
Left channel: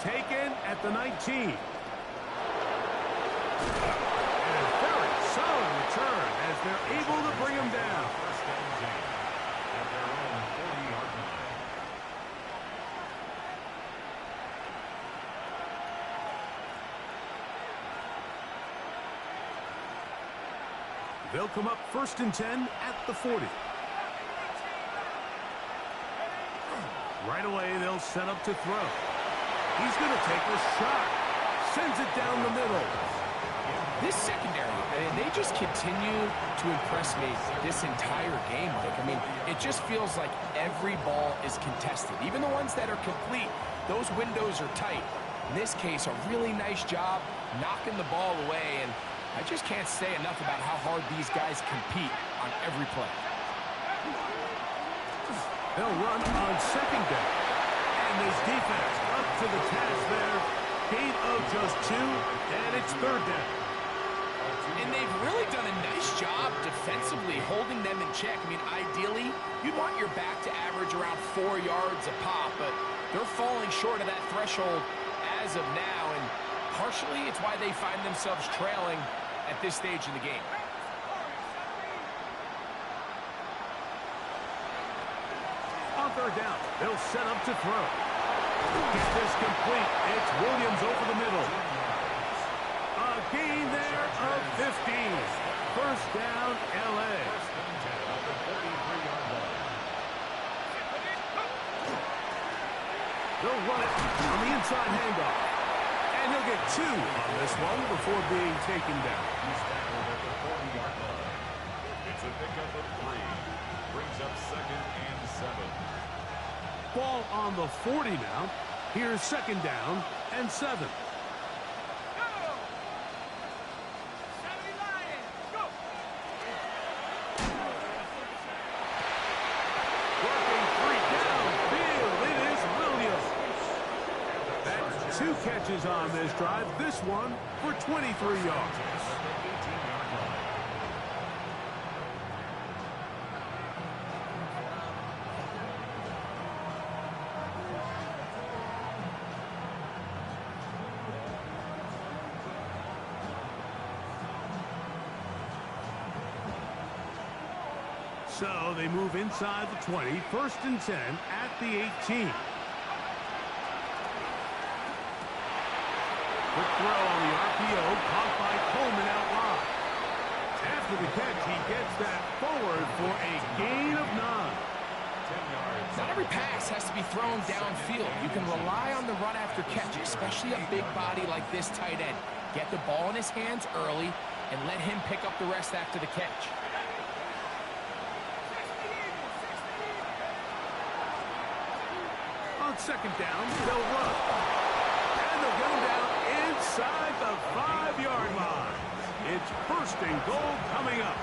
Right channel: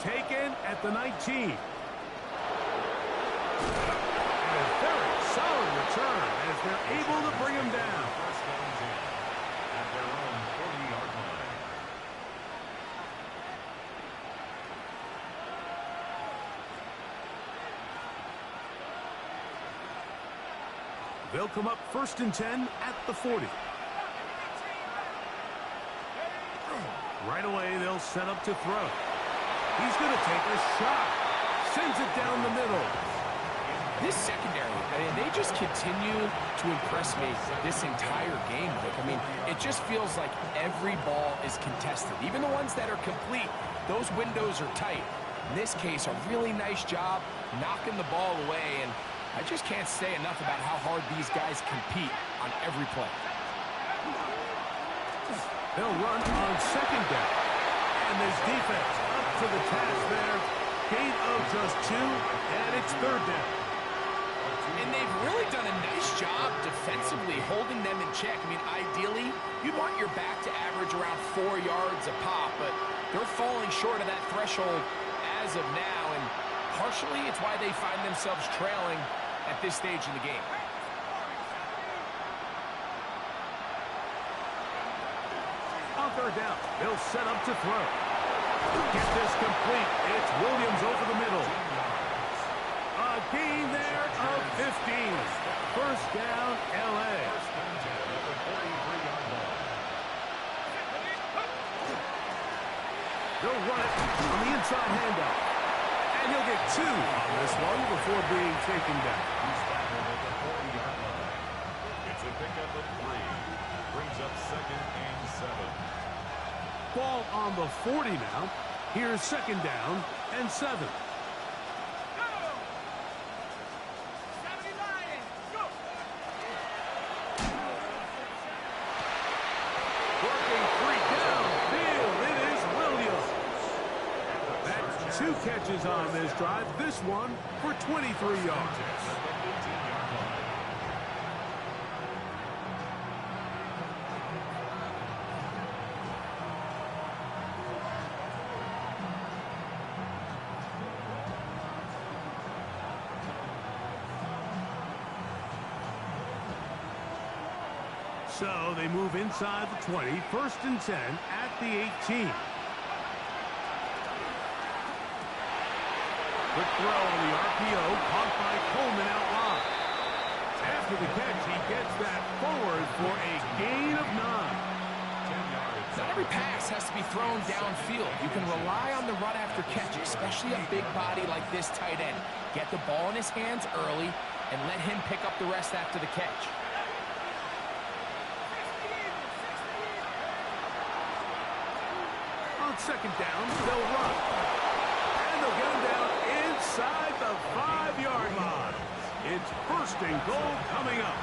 Taken at the 19. And a very solid return as they're able to bring him down. 1st and 10 at their own 40-yard line. They'll come up 1st and 10 at the 40. Right away, they'll set up to throw. He's going to take a shot. Sends it down the middle. This secondary, I mean, they just continue to impress me this entire game, Mike. I mean, it just feels like every ball is contested. Even the ones that are complete, those windows are tight. In this case, a really nice job knocking the ball away, and I just can't say enough about how hard these guys compete on every play. They'll run on 2nd down. And this defense up to the task there. Gain of just 2, and it's 3rd down. And they've really done a nice job defensively holding them in check. I mean, ideally, you'd want your back to average around 4 yards a pop, but they're falling short of that threshold as of now, and partially it's why they find themselves trailing at this stage in the game. On 3rd third down. They'll set up to throw. Get this complete. It's Williams over the middle. A gain there of 15. First down, L.A. First and 10 at the 43-yard line. They'll run it on the inside handoff. And he'll get 2 on this one before being taken down. He's tackled at the 40-yard line. It's a pickup of 3. Brings up second and 7. Ball on the 40 now. Here's second down and 7. Go! 70 Lions, go! Working 3 downfield. It is Williams. That's 2 catches on this drive. This one for 23 yards. At the 18-yard line. So they move inside the 20, first and 10 at the 18. Quick throw on the RPO, caught by Coleman out wide. After the catch, he gets that forward for a gain of 9. 10 yards. Not every pass has to be thrown downfield. You can rely on the run after catch, especially a big body like this tight end. Get the ball in his hands early and let him pick up the rest after the catch. On second down, they'll run. And they'll get him down inside the 5-yard line. It's first and goal coming up.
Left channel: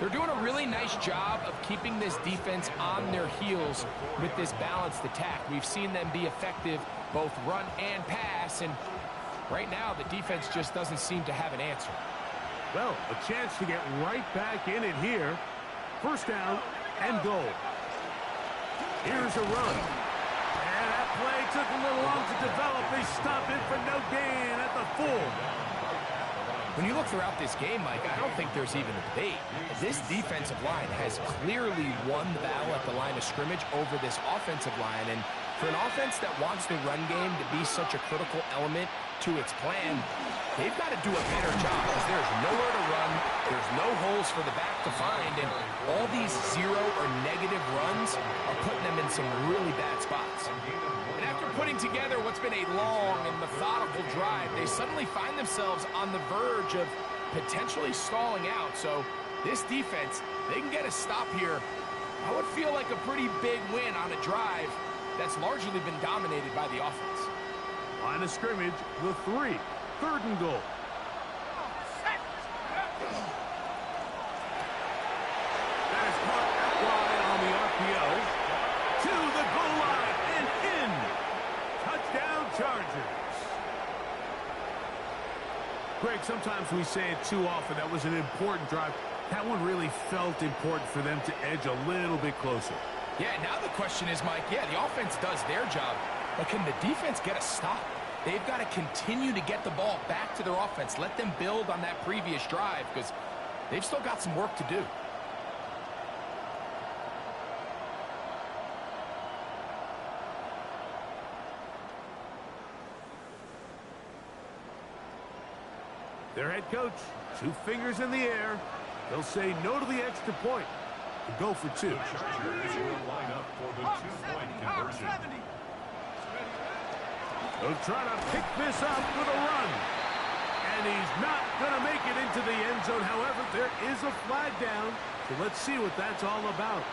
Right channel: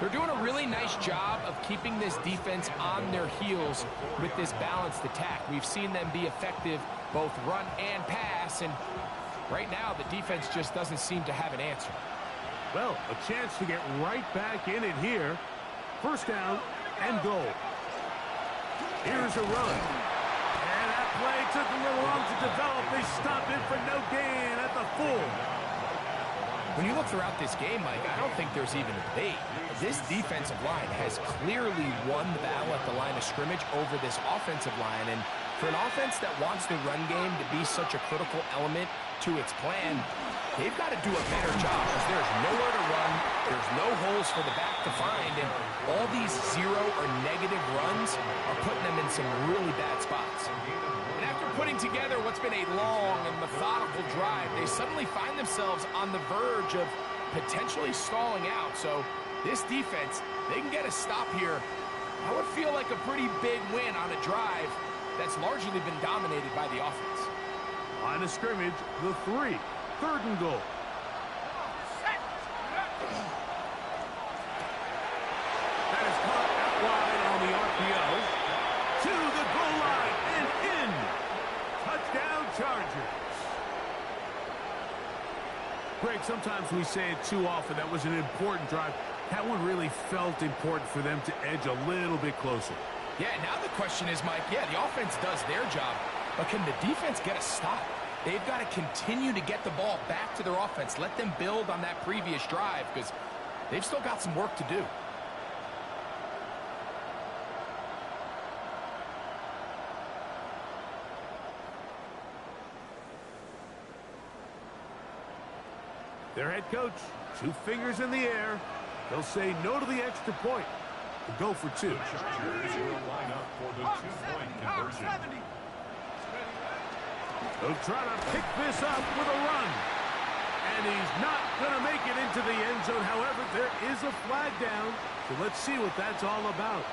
They're doing a really nice job of keeping this defense on their heels with this balanced attack. We've seen them be effective both run and pass, and right now the defense just doesn't seem to have an answer. Well, a chance to get right back in it here. First down and goal. Here's a run. And that play took a little long to develop. They stop it for no gain at the full. When you look throughout this game, Mike, I don't think there's even a debate. This defensive line has clearly won the battle at the line of scrimmage over this offensive line. And for an offense that wants the run game to be such a critical element to its plan, they've got to do a better job because there's nowhere to run, there's no holes for the back to find, and all these 0 or negative runs are putting them in some really bad spots. And after putting together what's been a long and methodical drive, they suddenly find themselves on the verge of potentially stalling out. So this defense, they can get a stop here. That would feel like a pretty big win on a drive that's largely been dominated by the offense. Line of scrimmage, the 3. Third and goal. That is caught out wide on the RPO. To the goal line and in. Touchdown Chargers. Greg, sometimes we say it too often. That was an important drive. That one really felt important for them to edge a little bit closer. Yeah, now the question is, Mike, yeah, the offense does their job, but can the defense get a stop? They've got to continue to get the ball back to their offense. Let them build on that previous drive because they've still got some work to do. Their head coach, 2 fingers in the air. They'll say no to the extra point and go for 2. Chargers will line up for the 2-point conversion. They'll try to pick this up with a run. And he's not going to make it into the end zone. However, there is a flag down. So let's see what that's all about.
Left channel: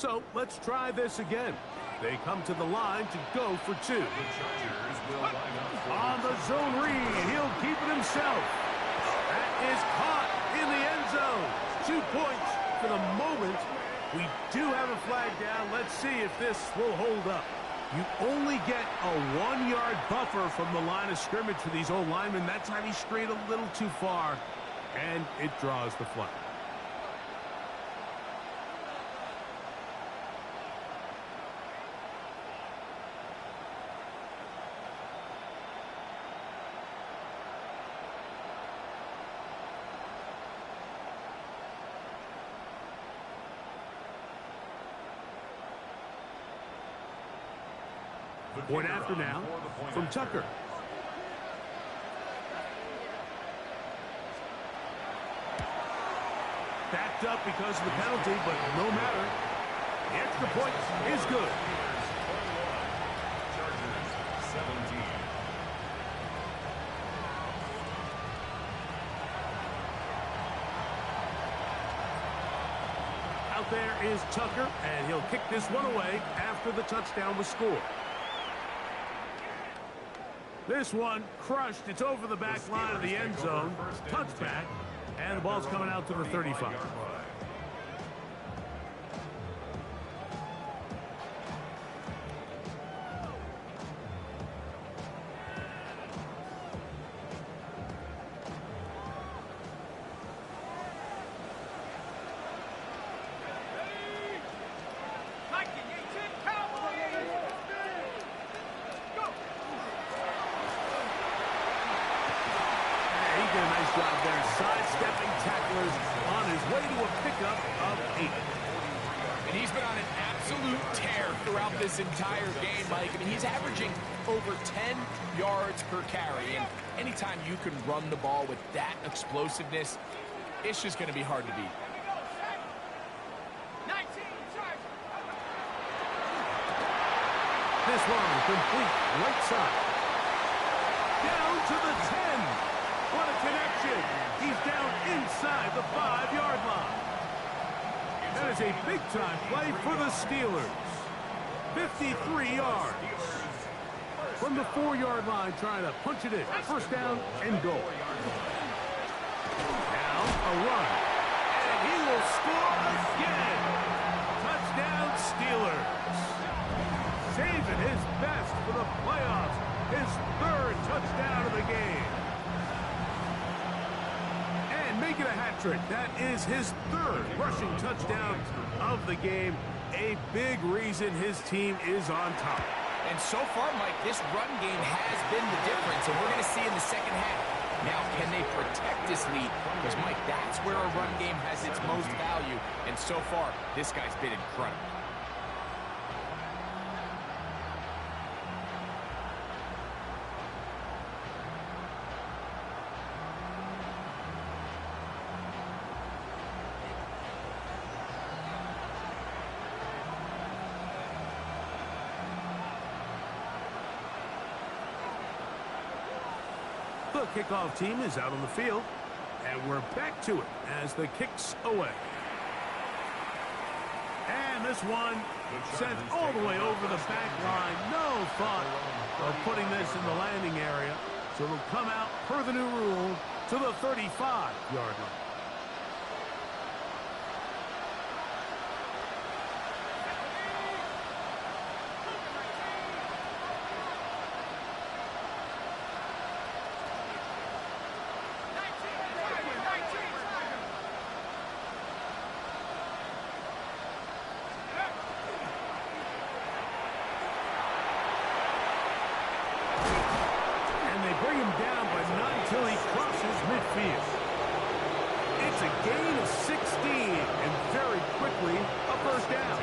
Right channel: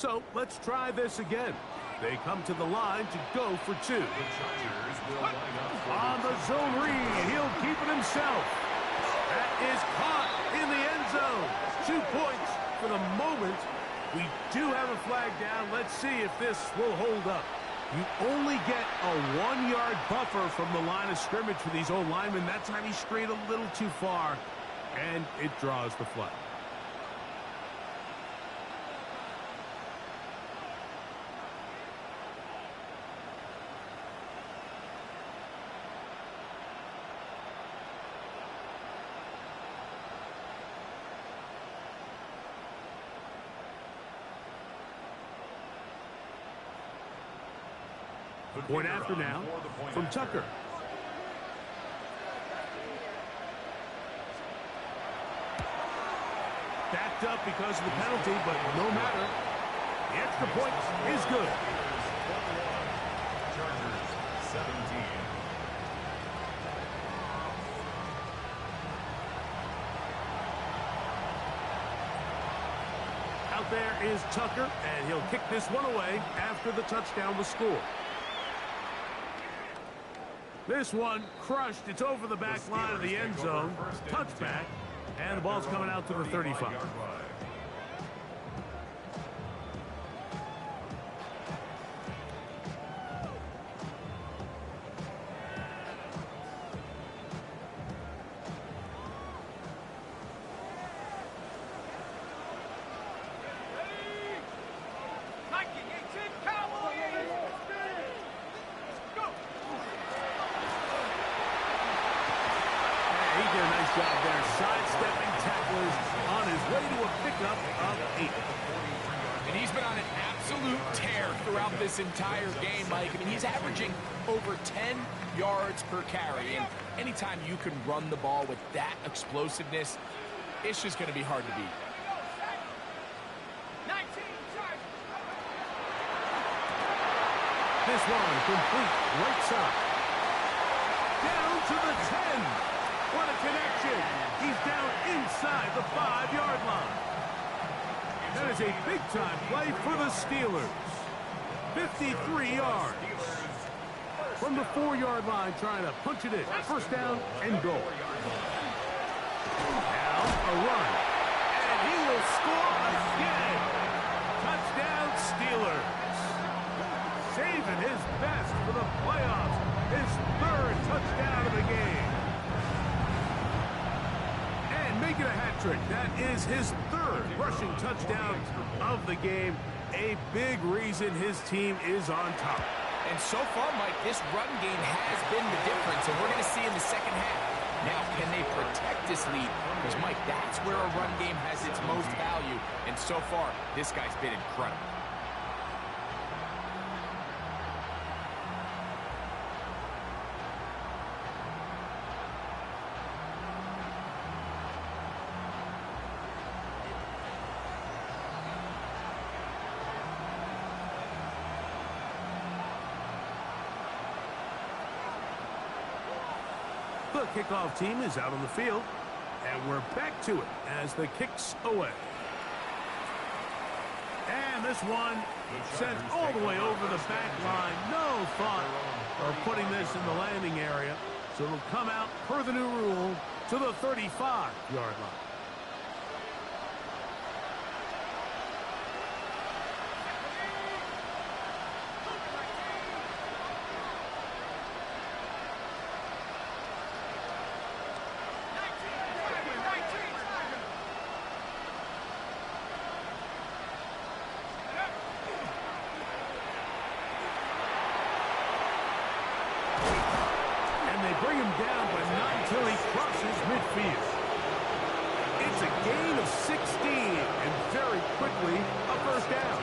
So let's try this again. They come to the line to go for 2. The Chargers will line up for On the zone read, he'll keep it himself. That is caught in the end zone. 2 points for the moment. We do have a flag down. Let's see if this will hold up. You only get a 1-yard buffer from the line of scrimmage for these old linemen. That time he strayed a little too far, and it draws the flag. Point after now from Tucker. Backed up because of the penalty, but no matter. The extra point is good. Chargers 17. Out there is Tucker, and he'll kick this one away after the touchdown was scored. This one crushed. It's over the back line of the end zone. Touchback, and the ball's coming out to the 35. He did a nice job there, sidestepping tacklers on his way to a pickup of 8. And he's been on an absolute tear throughout this entire game, Mike. I mean, he's averaging over 10 yards per carry. And anytime you can run the ball with that explosiveness, it's just going to be hard to beat. This one complete right side. Down to the 10. What a connection. He's down inside the 5-yard line. That is a big-time play for the Steelers. 53 yards. From the 4-yard line, trying to punch it in. First down and goal. Now a run. And he will score again. Touchdown, Steelers. Saving his best for the playoffs. His 3rd touchdown of the game. And making a hat trick. That is his 3rd rushing touchdown of the game. A big reason his team is on top. And so far, Mike, this run game has been the difference, and we're going to see in the second half. Now, can they protect this lead? Because, Mike, that's where a run game has its most value. And so far, this guy's been incredible. The kickoff team is out on the field, and we're back to it as the kick's away. And this one sent all the way over the back line. No thought of putting this in the landing area, so it'll come out per the new rule to the 35-yard line. Bring him down, but not until he crosses midfield. It's a gain of 16, and very quickly, a first down.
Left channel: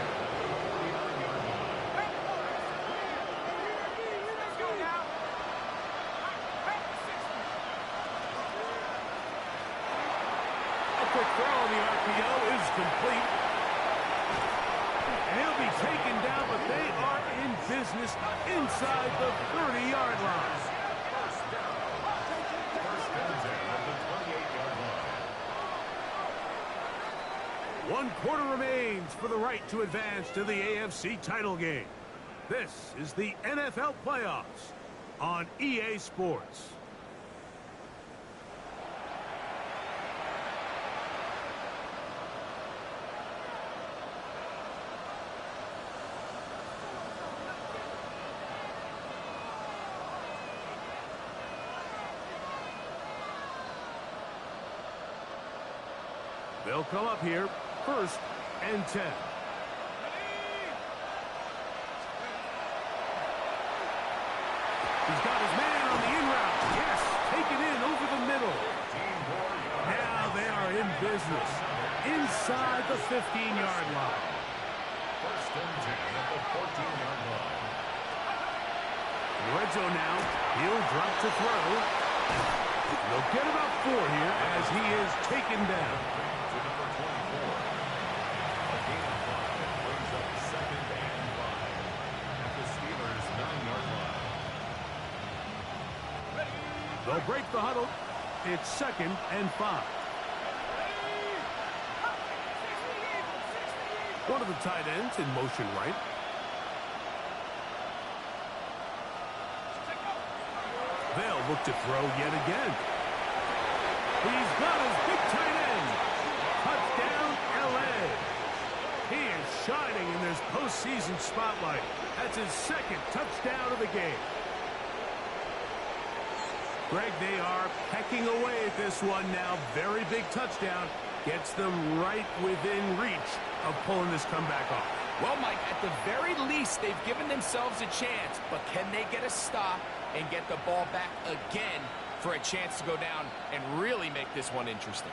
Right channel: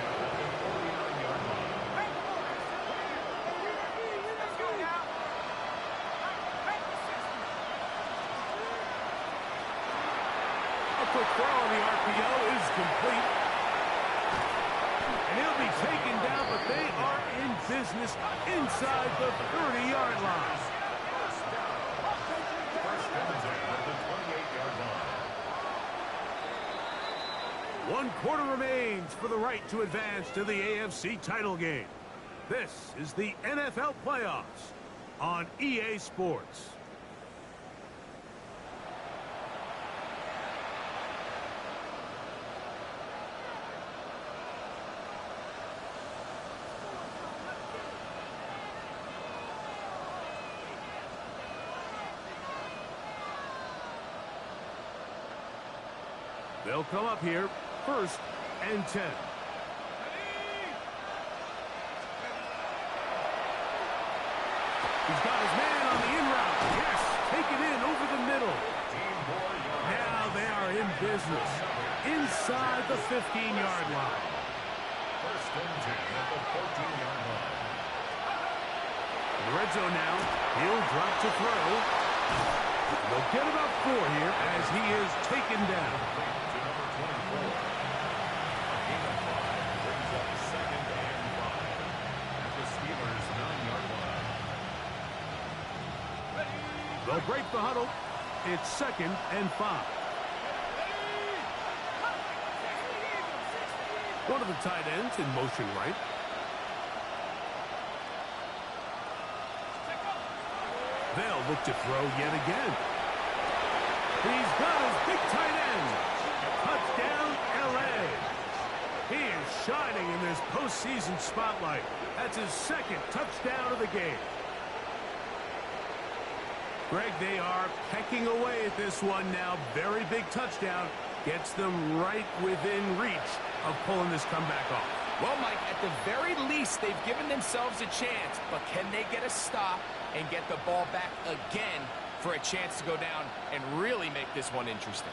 A quick throw on the RPO is complete. And he'll be taken down, but they are in business inside the 30-yard line. First down at the 28-yard line. 1 quarter remains for the right to advance to the AFC title game. This is the NFL playoffs on EA Sports. They'll come up here, 1st and 10. He's got his man on the in route. Yes, taken in over the middle. Now they are in business inside the 15-yard line. 1st and 10 at the 14-yard line. In the red zone now, he'll drop to throw. They'll get about 4 here as he is taken down. To number 24. A gain of 5 brings up 2nd and 5 at the Steelers' 9-yard line. They'll break the huddle. It's 2nd and 5. One of the tight ends in motion right. They'll look to throw yet again. He's got his big tight end. Touchdown, L.A. He is shining in this postseason spotlight. That's his 2nd touchdown of the game. Greg, they are pecking away at this one now. Very big touchdown. Gets them right within reach of pulling this comeback off. Well, Mike, at the very least, they've given themselves a chance, but can they get a stop and get the ball back again for a chance to go down and really make this one interesting?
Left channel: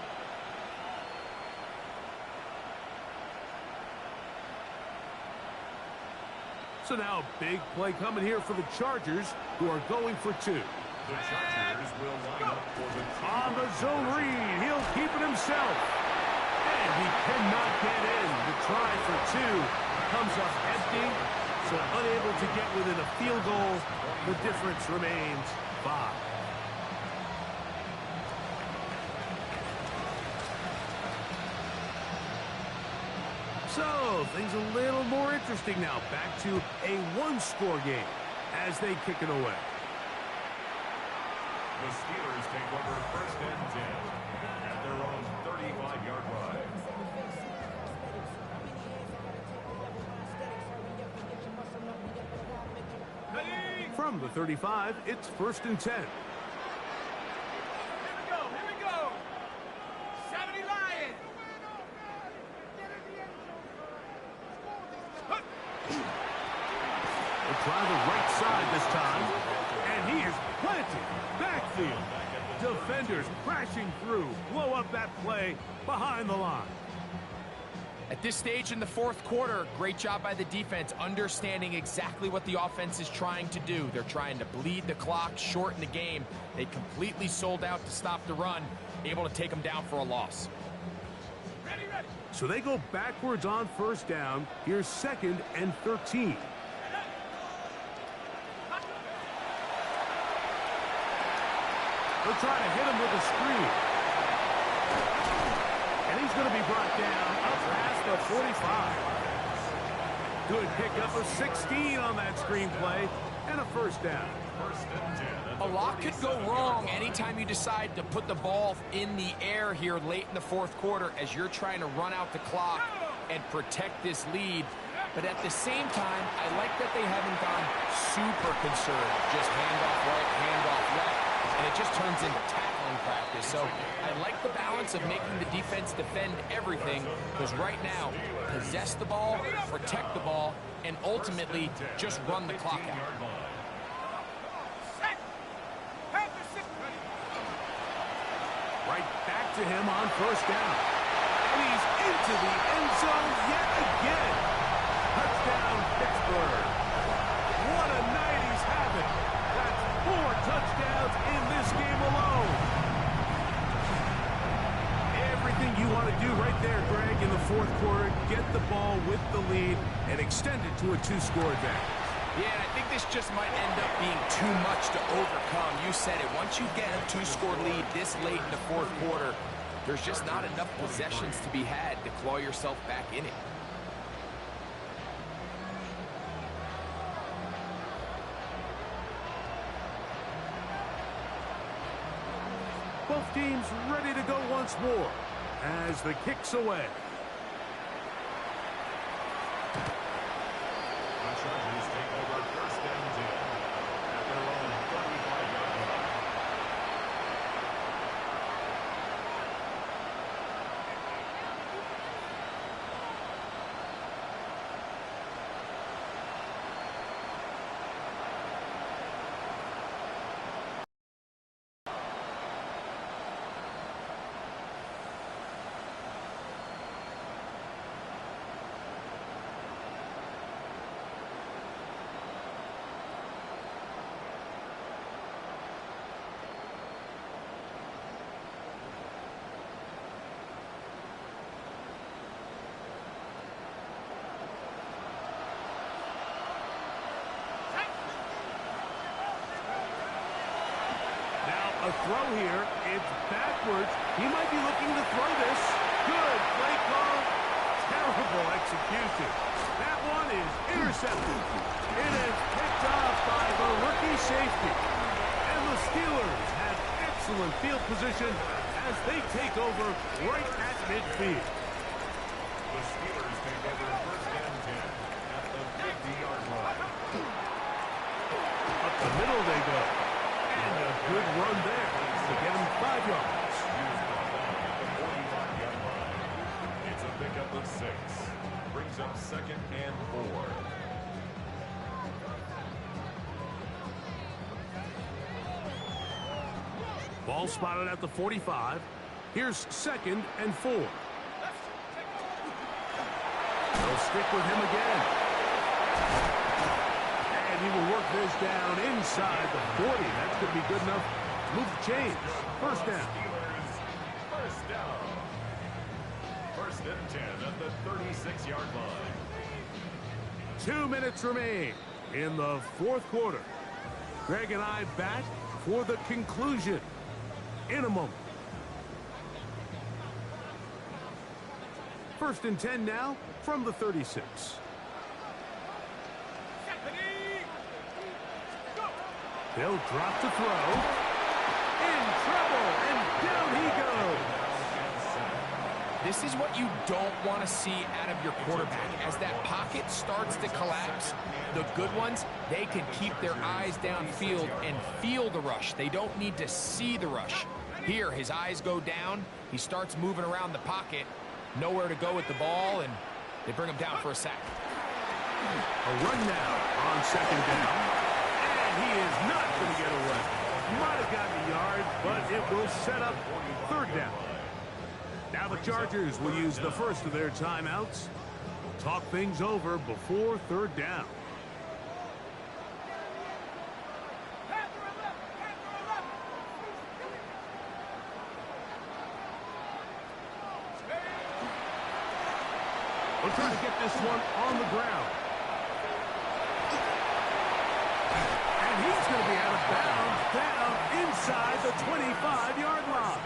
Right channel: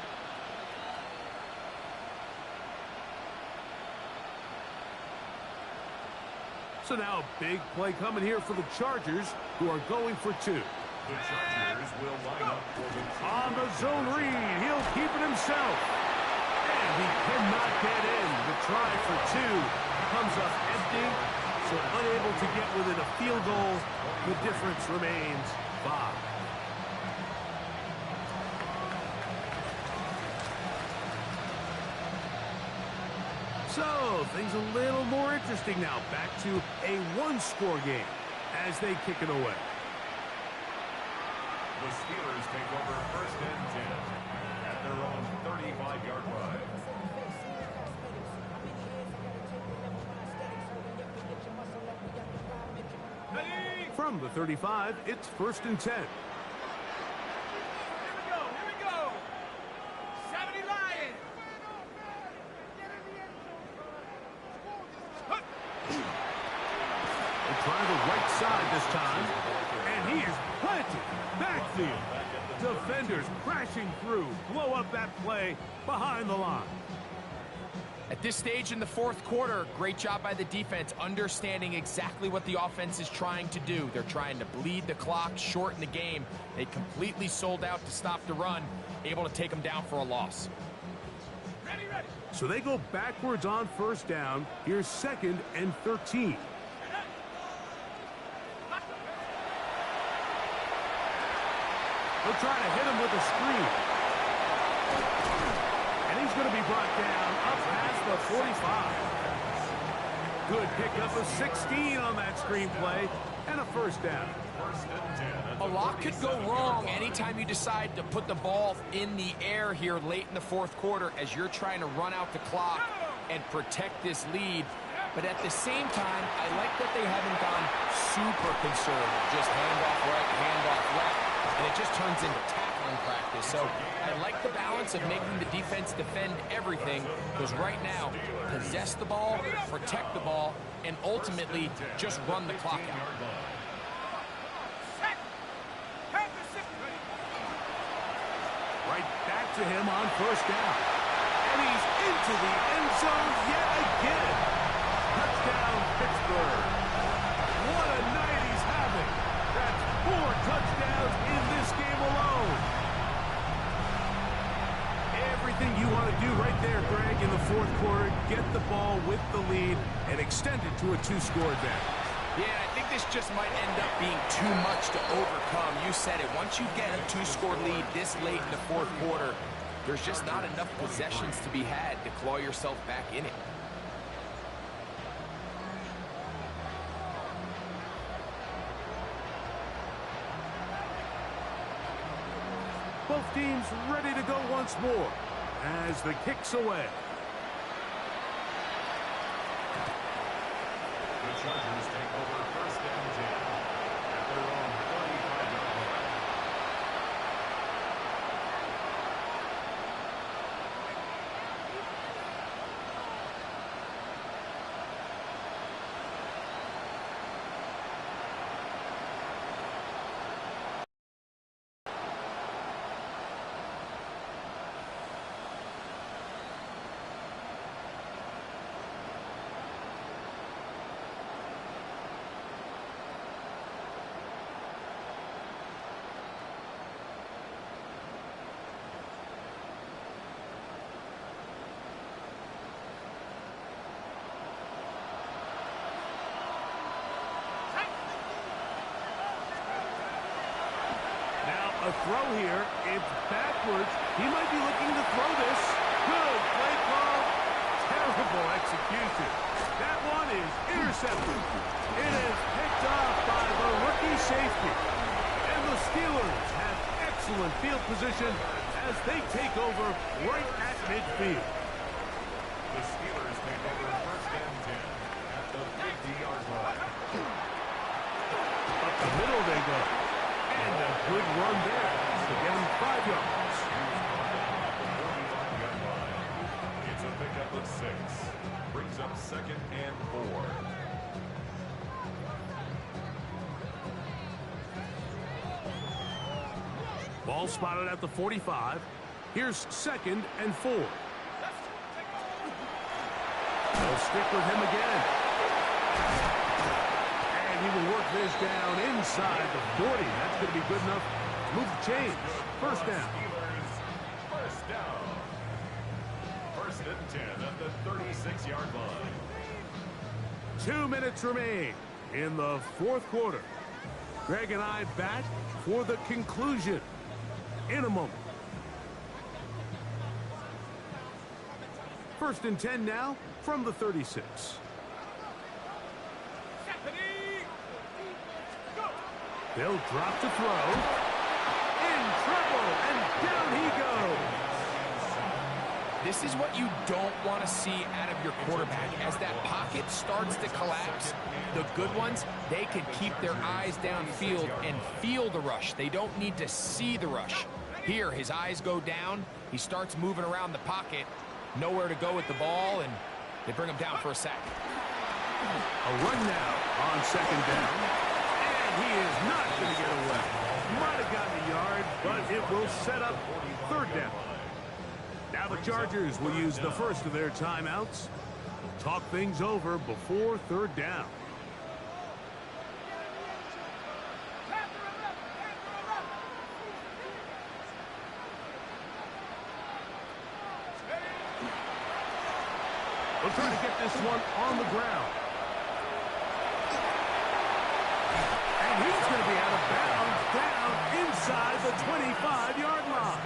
So now a big play coming here for the Chargers, who are going for 2. The Chargers will line up for the On the zone read, he'll keep it himself. And he cannot get in. The try for 2 comes up empty, so unable to get within a field goal. The difference remains 5. So, things a little more interesting now. Back to a 1-score game as they kick it away. The Steelers take over 1st and 10 at their own 35-yard line. From the 35, it's 1st and 10. Here we go. 70 Lions. They'll try the right side this time. And he is planted. Backfield. Defenders crashing through. Blow up that play behind the line. At this stage in the 4th quarter, great job by the defense, understanding exactly what the offense is trying to do. They're trying to bleed the clock, shorten the game. They completely sold out to stop the run, able to take them down for a loss. Ready. So they go backwards on 1st down. Here's 2nd and 13. They'll try to hit him with a screen. And he's going to be brought down up past the 45. Good pickup of 16 on that screenplay and a 1st down. 1st and 10 at the A lot could go 47-yard wrong line. anytime you decide to put the ball in the air here late in the 4th quarter as you're trying to run out the clock and protect this lead. But at the same time, I like that they haven't gone super conservative. Just handoff right, handoff left, and it just turns into tackling practice. So I like the balance of making the defense defend everything, because right now, possess the ball, protect the ball, and ultimately just run the clock out. Right back to him on 1st down. And he's into the end zone yet again. Touchdown, Pittsburgh. What a night he's having. That's 4 touchdowns in this game alone. Everything you want to do right there, Greg, in the 4th quarter. Get the ball with the lead and extend it to a 2-score advantage. Yeah, and I think this just might end up being too much to overcome. You said it. Once you get a 2-score lead this late in the 4th quarter, there's just not enough possessions to be had to claw yourself back in it. Both teams ready to go once more as the kick's away. The Chargers take over 1st and 10 at their own 35-yard line. A throw here. It's backwards. He might be looking to throw this. Good play call. Terrible execution. That one is intercepted. It is picked off by the rookie safety. And the Steelers have excellent field position as they take over right at midfield. The Steelers take over first and 10 at the 50-yard line. Up the middle they go. And a good run there to get him 5 yards. He was brought down at the 45-yard line. It's a pickup of 6. Brings up second and 4. Ball spotted at the 45. Here's second and 4. They'll stick with him again. And he will work this down inside the 40. That's going to be good enough to move the chains. First down. Steelers, first down. First and 10 at the 36-yard line. 2 minutes remain in the fourth quarter. Greg and I back for the conclusion in a moment. First and 10 now from the 36. They'll drop to throw. In trouble, and down he goes. This is what you don't want to see out of your quarterback. As that pocket starts to collapse, the good ones, they can keep their eyes downfield and feel the rush. They don't need to see the rush. Here, his eyes go down. He starts moving around the pocket. Nowhere to go with the ball, and they bring him down for a sack. A run now on second down. And he is not going to get away. Might have gotten a yard, but it will set up third down. Now the Chargers will use the first of their timeouts. Talk things over before third down. We'll try to get this one on the ground. And he's going to be out of bounds down inside the 25-yard line.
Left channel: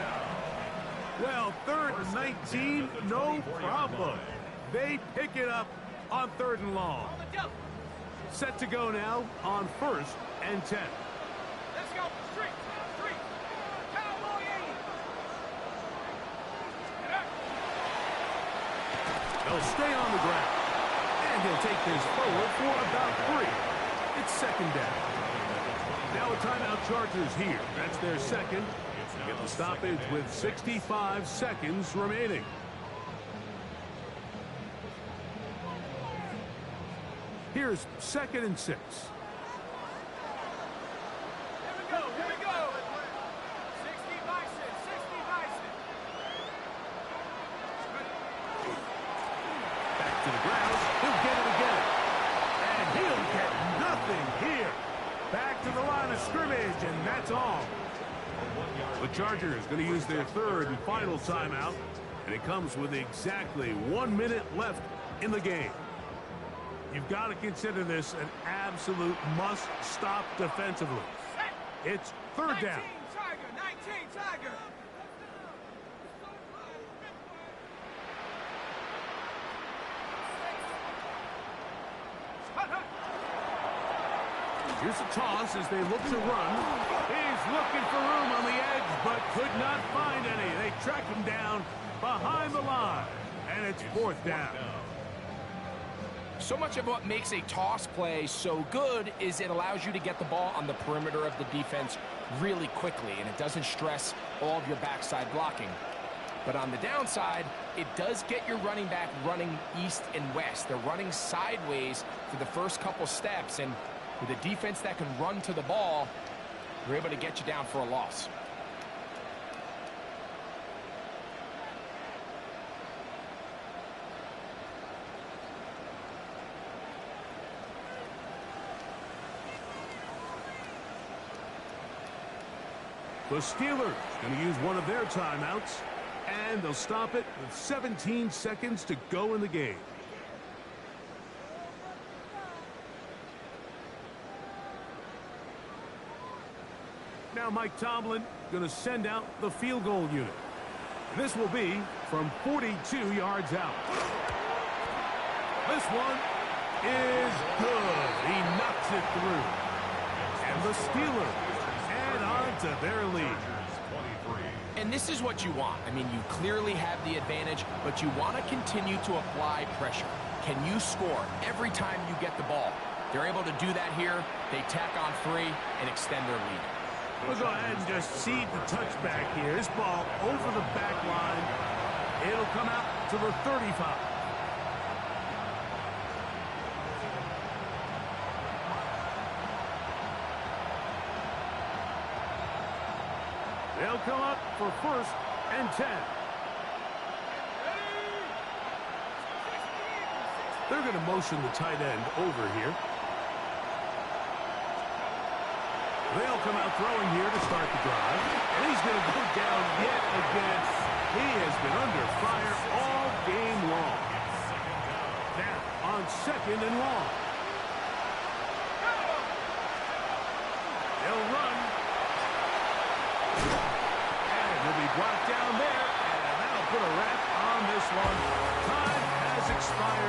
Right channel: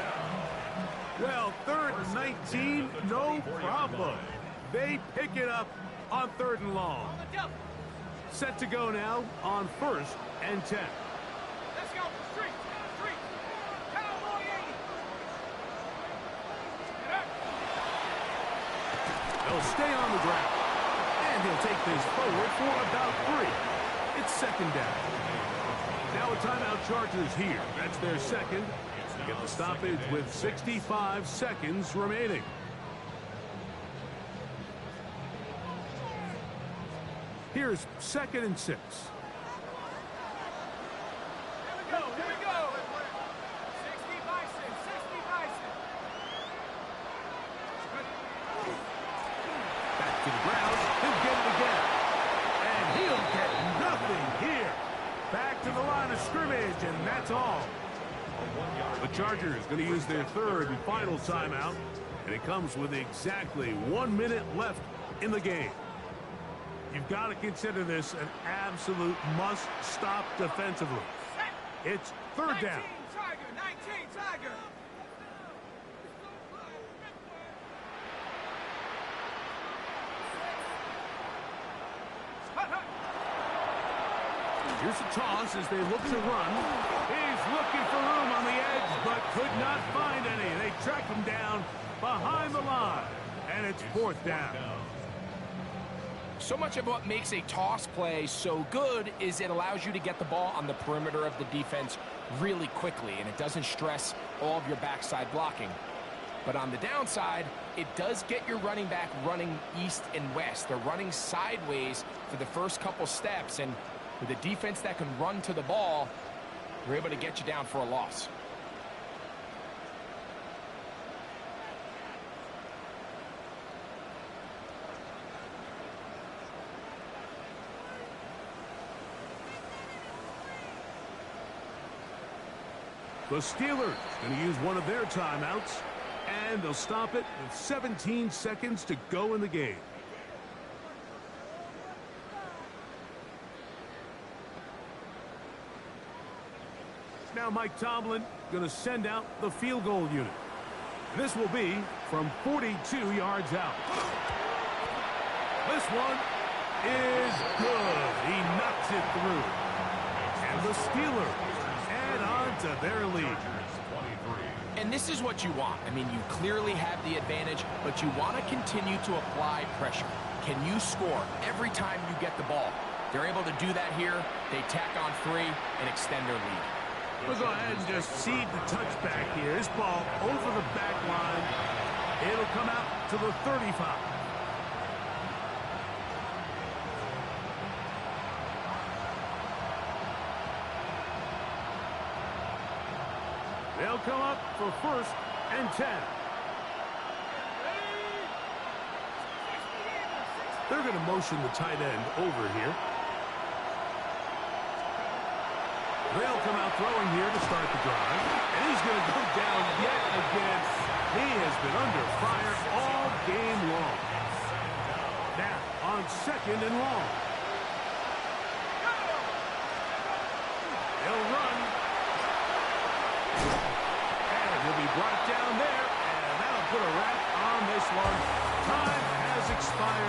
Well, third and 19, no problem. They pick it up on third and long. Set to go now on first and 10. Let's go. Street. Cowboy 80. They'll stay on the ground. And he'll take this forward for about 3. It's second down. Now a timeout Chargers here. That's their second. Get the stoppage with 65 seconds remaining. Here's second and 6. Here we go. 60 Bison. Back to the ground. He'll get it again. And he'll get nothing here. Back to the line of scrimmage, and that's all. The Chargers going to use their third and final timeout, and it comes with exactly 1 minute left in the game. You've got to consider this an absolute must-stop defensively. It's third down. 19 Tiger. Here's a toss as they look to run. He's looking for room on the edge, but could not find any. They track him down behind the line, and it's fourth down. So much of what makes a toss play so good is it allows you to get the ball on the perimeter of the defense really quickly, and it doesn't stress all of your backside blocking. But on the downside, it does get your running back running east and west. They're running sideways for the first couple steps, and with a defense that can run to the ball, they're able to get you down for a loss. The Steelers going to use one of their timeouts, and they'll stop it with 17 seconds to go in the game. Now Mike Tomlin going to send out the field goal unit. This will be from 42 yards out. This one is good. He knocks it through. And the Steelers add on to their lead. And this is what you want. I mean, you clearly have the advantage, but you want to continue to apply pressure. Can you score every time you get the ball? They're able to do that here. They tack on 3 and extend their lead. We'll go ahead and just seed the touchback here. This ball over the back line. It'll come out to the 35. They'll come up for 1st and 10. They're going to motion the tight end over here. They'll come out throwing here to start the drive. And he's going to go down yet again. He has been under fire all game long. Now, on 2nd and long. They'll run. And he'll be brought down there. And that'll put a wrap on this one. Time has expired.